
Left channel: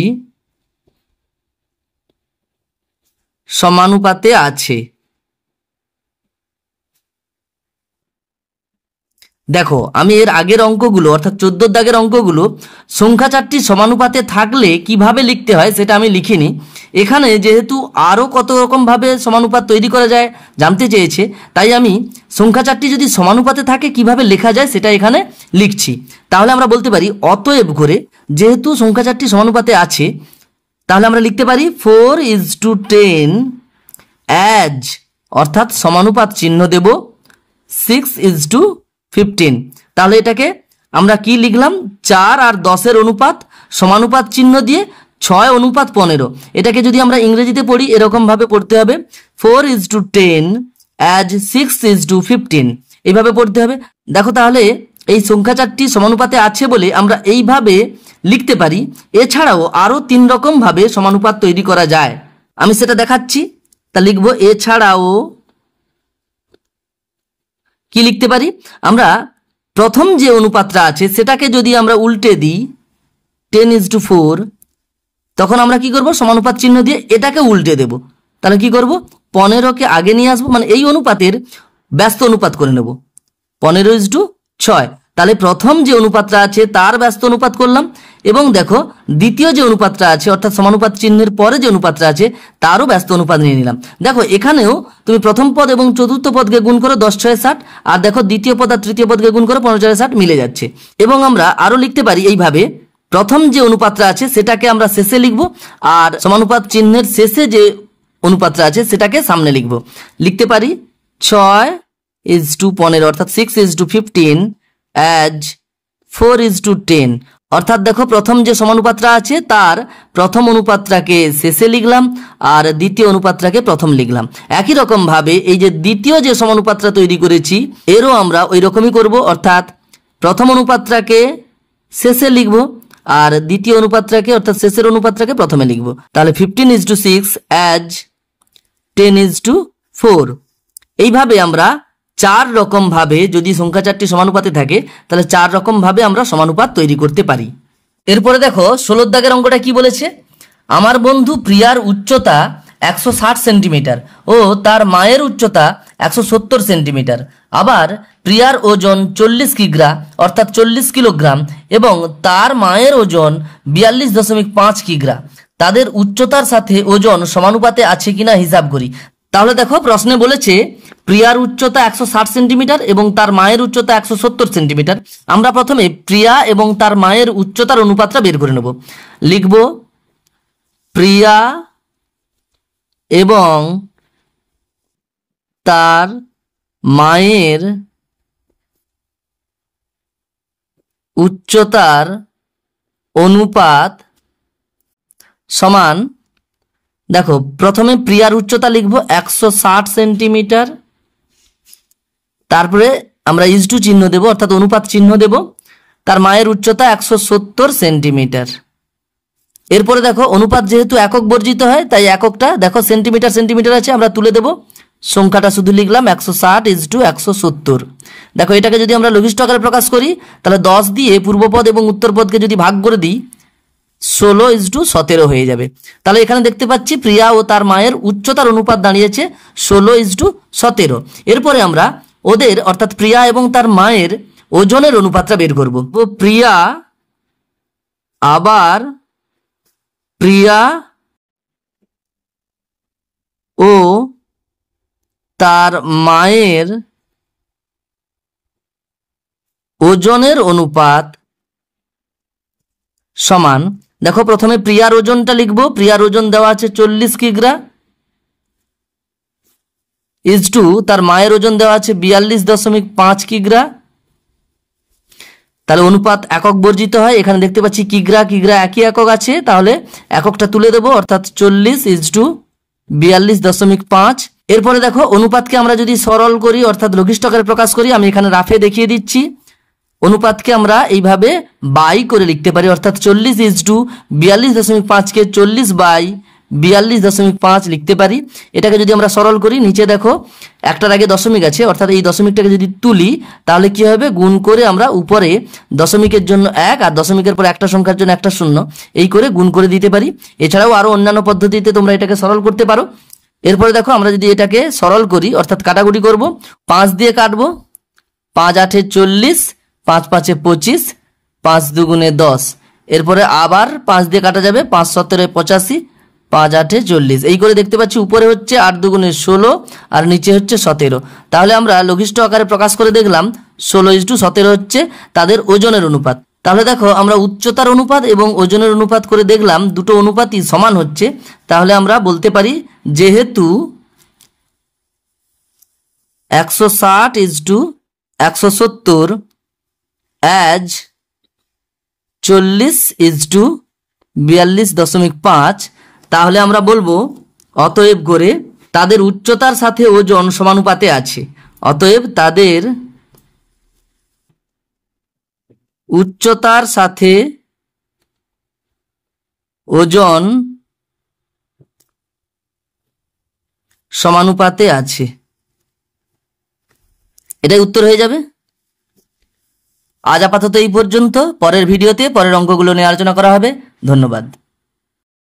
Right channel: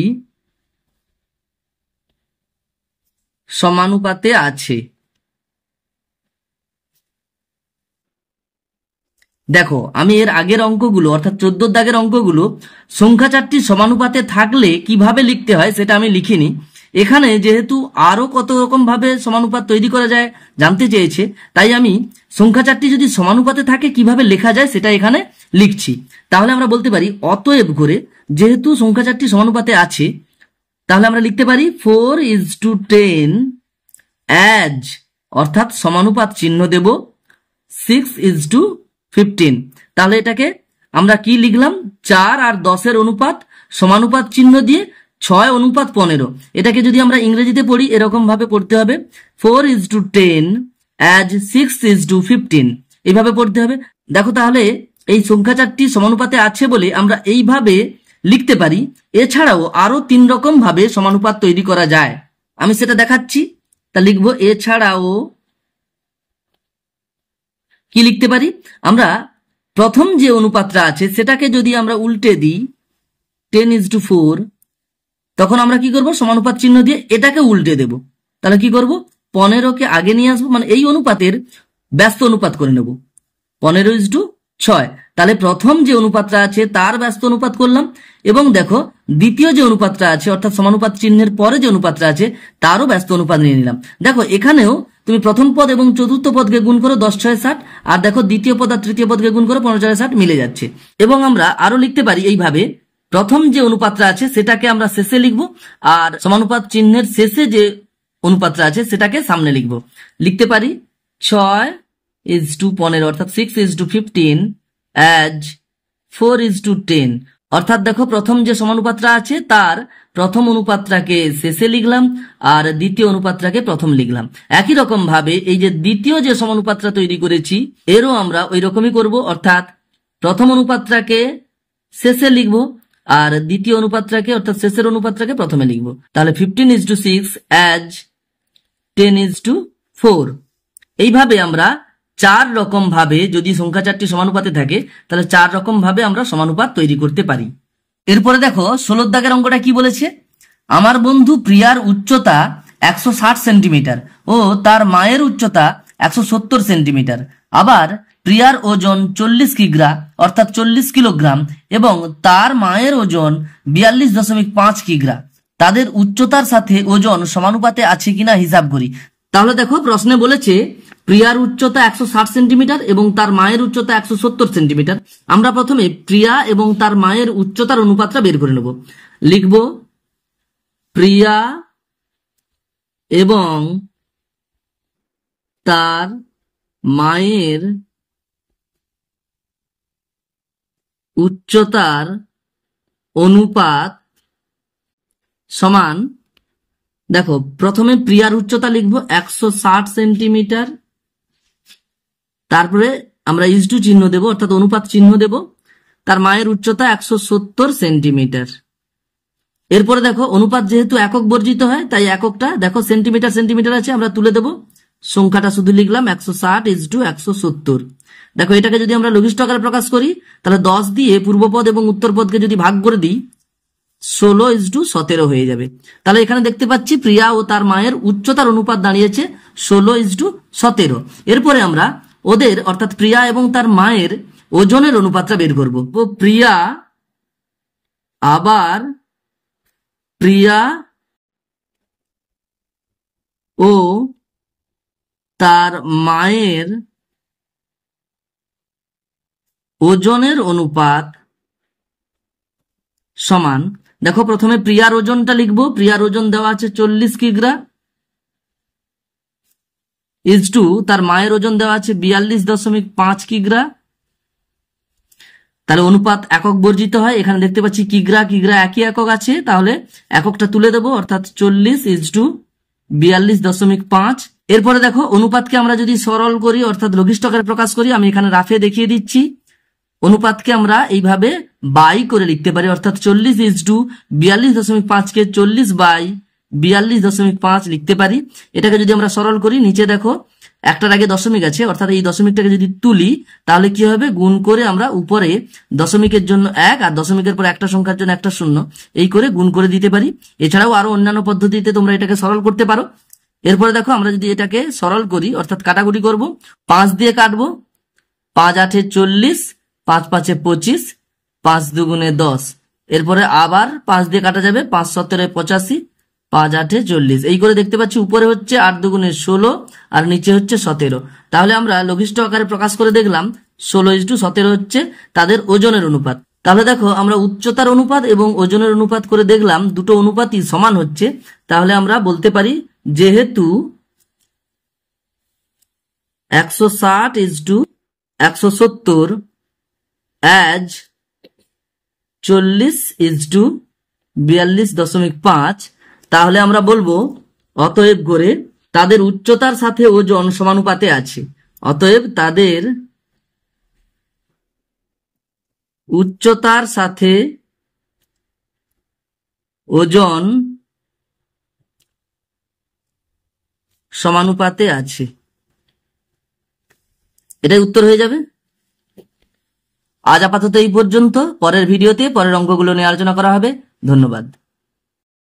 সমানুপাতে আছে। দেখো আমি এর আগের অঙ্কগুলো অর্থাৎ 14 দাগের অঙ্কগুলো সংখ্যা চারটি সমানুপাতে থাকলে কিভাবে লিখতে হয় সেটা আমি লিখিনি। এখানে যেহেতু আরও কত রকম ভাবে সমানুপাত তৈরি করা যায় জানতে চেয়েছে, তাই আমি সংখ্যা চারটি যদি সমানুপাতে থাকে কিভাবে লেখা যায় সেটা এখানে লিখছি। তাহলে আমরা বলতে পারি অতএব করে যেহেতু সংখ্যা চারটি সমানুপাতে আছে, তাহলে আমরা লিখতে পারি 4:10 অ্যাজ, অর্থাৎ সমানুপাত চিহ্ন দেব 6:15। তাহলে এটাকে আমরা কি লিখলাম, 4 আর 10-এর অনুপাত সমানুপাত চিহ্ন দিয়ে 6:15। এটাকে যদি আমরা ইংরেজিতে পড়ি এরকম ভাবে পড়তে হবে 4:10 অ্যাজ 6:15, এইভাবে পড়তে হবে। দেখো তাহলে এই সংখ্যা চারটি সমানুপাতে আছে বলে আমরা এইভাবে লিখতে পারি। এছাড়াও আরো 3 রকম ভাবে সমানুপাত তৈরি করা যায়, আমি সেটা দেখাচ্ছি। তা লিখবো এছাড়াও কি লিখতে পারি, আমরা প্রথম যে অনুপাতটা আছে সেটাকে যদি আমরা উল্টে দিই 10:4, তখন আমরা কি করব, সমানুপাত চিহ্ন দিয়ে এটাকে উল্টে দেব। তাহলে কি করব, 15কে আগে নিয়ে আসবো, মানে এই অনুপাতের ব্যস্ত অনুপাত করে নেব 15:6। তাহলে প্রথম যে অনুপাতটা আছে তার ব্যস্ত অনুপাত করলাম, এবং দেখো দ্বিতীয় যে অনুপাতটা আছে অর্থাৎ সমানুপাত চিহ্নের পরে যে অনুপাতটা আছে তারও ব্যস্ত অনুপাত নিয়ে নিলাম। দেখো এখানেও তুমি প্রথম পদ এবং চতুর্থ পদকে গুণ করো 10×6=60, আর দেখো দ্বিতীয় পদ আর তৃতীয় পদকে গুণ করো 15×60, মিলে যাচ্ছে। এবং আমরা আরো লিখতে পারি এইভাবে, প্রথম যে অনুপাতটা আছে সেটাকে আমরা শেষে লিখব, আর সমানুপাত চিহ্নের শেষে যে অনুপাতটা আছে সেটাকে সামনে লিখব। লিখতে পারি 6:15 অর্থাৎ 6:15 অ্যাজ 4:10। অর্থাৎ দেখো প্রথম যে সমানুপাতটা আছে তার প্রথম অনুপাতটাকে শেষে লিখলাম আর দ্বিতীয় অনুপাতটাকে প্রথম লিখলাম। একই রকম ভাবে এই যে দ্বিতীয় যে সমানুপাতটা তৈরি করেছি এরও আমরা ওই রকমই করব, অর্থাৎ প্রথম অনুপাতটাকে শেষে লিখব আর দ্বিতীয় অনুপাতটাকে অর্থাৎ শেষের অনুপাতটাকে প্রথমে লিখব। তাহলে 15:6 অ্যাজ 10:4। এইভাবে আমরা 4 রকম ভাবে, যদি সংখ্যা চারটি সমানুপাতে থাকে তাহলে 4 রকম ভাবে আমরা সমানুপাত তৈরি করতে পারি। এরপরে দেখো 16 দাগের অঙ্কটা কি বলেছে, আমার বন্ধু প্রিয়ার উচ্চতা 160 সেন্টিমিটার ও তার মায়ের উচ্চতা 170 সেন্টিমিটার। আবার প্রিয়ার ওজন 40 কিগ্রা অর্থাৎ 40 কিলোগ্রাম এবং তার মায়ের ওজন 42.5 কিগ্রা। তাদের উচ্চতার সাথে ওজন সমানুপাতে আছে কিনা হিসাব করি। তাহলে দেখো প্রশ্নে বলেছে প্রিয়ার উচ্চতা 160 সেন্টিমিটার এবং তার মায়ের উচ্চতা 170 সেন্টিমিটার। আমরা প্রথমে প্রিয়া এবং তার মায়ের উচ্চতার অনুপাতটা বের করে নেব। লিখব প্রিয়া এবং তার মায়ের উচ্চতার অনুপাত সমান, দেখো প্রথমে প্রিয়ার উচ্চতা লিখব 160 সেন্টিমিটার, তারপরে আমরা ইজটু চিহ্ন দেব অর্থাৎ অনুপাত চিহ্ন দেব, তার মায়ের উচ্চতা 170 সেন্টিমিটার। এরপরে দেখো অনুপাত যেহেতু একক বর্জিত হয় তাই এককটা দেখো সেন্টিমিটার সেন্টিমিটার আছে, আমরা তুলে দেব, সংখ্যাটা শুধু লিখলাম 160:170। দেখো এটাকে যদি আমরা লঘিষ্ঠ আকারে প্রকাশ করি তাহলে 10 দিয়ে পূর্বপদ এবং উত্তরপদকে যদি ভাগ করে দিই 16:17 হয়ে যাবে। তাহলে এখানে দেখতে পাচ্ছি প্রিয়া ও তার মায়ের উচ্চতার অনুপাত দাঁড়িয়েছে 16:17। এরপরে আমরা ওদের অর্থাৎ প্রিয়া এবং তার মায়ের ওজনের অনুপাতটা বের করব। প্রিয়া আবার প্রিয়া ও তার মায়ের ওজনের অনুপাত সমান, দেখো প্রথমে প্রিয়ার ওজনটা লিখব, প্রিয়ার ওজন দেওয়া আছে 40 কিগ্রা ইজটু তার মায়ের ওজন দেওয়া আছে 42.5 কিগ্রা। তাহলে অনুপাত একক বর্জিত হয়, এখানে দেখতে পাচ্ছি কিগ্রা কিগ্রা একই একক আছে, তাহলে এককটা তুলে দেব অর্থাৎ 40:42.5। এরপরে দেখো অনুপাতকে আমরা যদি সরল করি অর্থাৎ লঘিষ্ঠ আকারে প্রকাশ করি, আমি এখানে রাফে দেখিয়ে দিচ্ছি। অনুপাতকে আমরা এইভাবে বাই করে লিখতে পারি অর্থাৎ 40:42.5 কে 40/42.5 লিখতে পারি। এটাকে যদি আমরা সরল করি নিচে দেখো একটার আগে দশমিক আছে অর্থাৎ এই দশমিকটাকে যদি তুলি তাহলে কি হবে, গুণ করে আমরা উপরে দশমিকের জন্য 1 আর দশমিকের পর একটা সংখ্যার জন্য একটা 0 এই করে গুণ করে দিতে পারি। এছাড়াও আরো অন্যান্য পদ্ধতিতে তোমরা এটাকে সরল করতে পারো। এরপরে দেখো আমরা যদি এটাকে সরল করি অর্থাৎ কাটাকুটি করব, 5 দিয়ে কাটবো 5 8 40, 5 5 25, 5 2 10। এরপরে আবার 5 দিয়ে কাটা যাবে, 5 17 85, 5 8 40। এই করে দেখতে পাচ্ছি উপরে হচ্ছে 8 2 16 আর নিচে হচ্ছে 17। তাহলে আমরা লঘিষ্ঠ আকারে প্রকাশ করে দেখলাম 16:17 হচ্ছে তাদের ওজনের অনুপাত। তাহলে দেখো আমরা উচ্চতার অনুপাত এবং ওজনের অনুপাত করে দেখলাম দুটো অনুপাতই সমান হচ্ছে। তাহলে আমরা বলতে পারি যেহেতু 160:170 অ্যাজ 40:42.5, তাহলে আমরা বলবো অতএব করে তাদের উচ্চতার সাথে ওজন সমানুপাতে আছে। অতএব তাদের উচ্চতার সাথে ওজন সমানুপাতে আছে। এটাই উত্তর হয়ে যাবে। আজ আপাতত এই পর্যন্ত। পরের ভিডিওতে পরের অঙ্কগুলো নিয়ে আলোচনা করা হবে। ধন্যবাদ।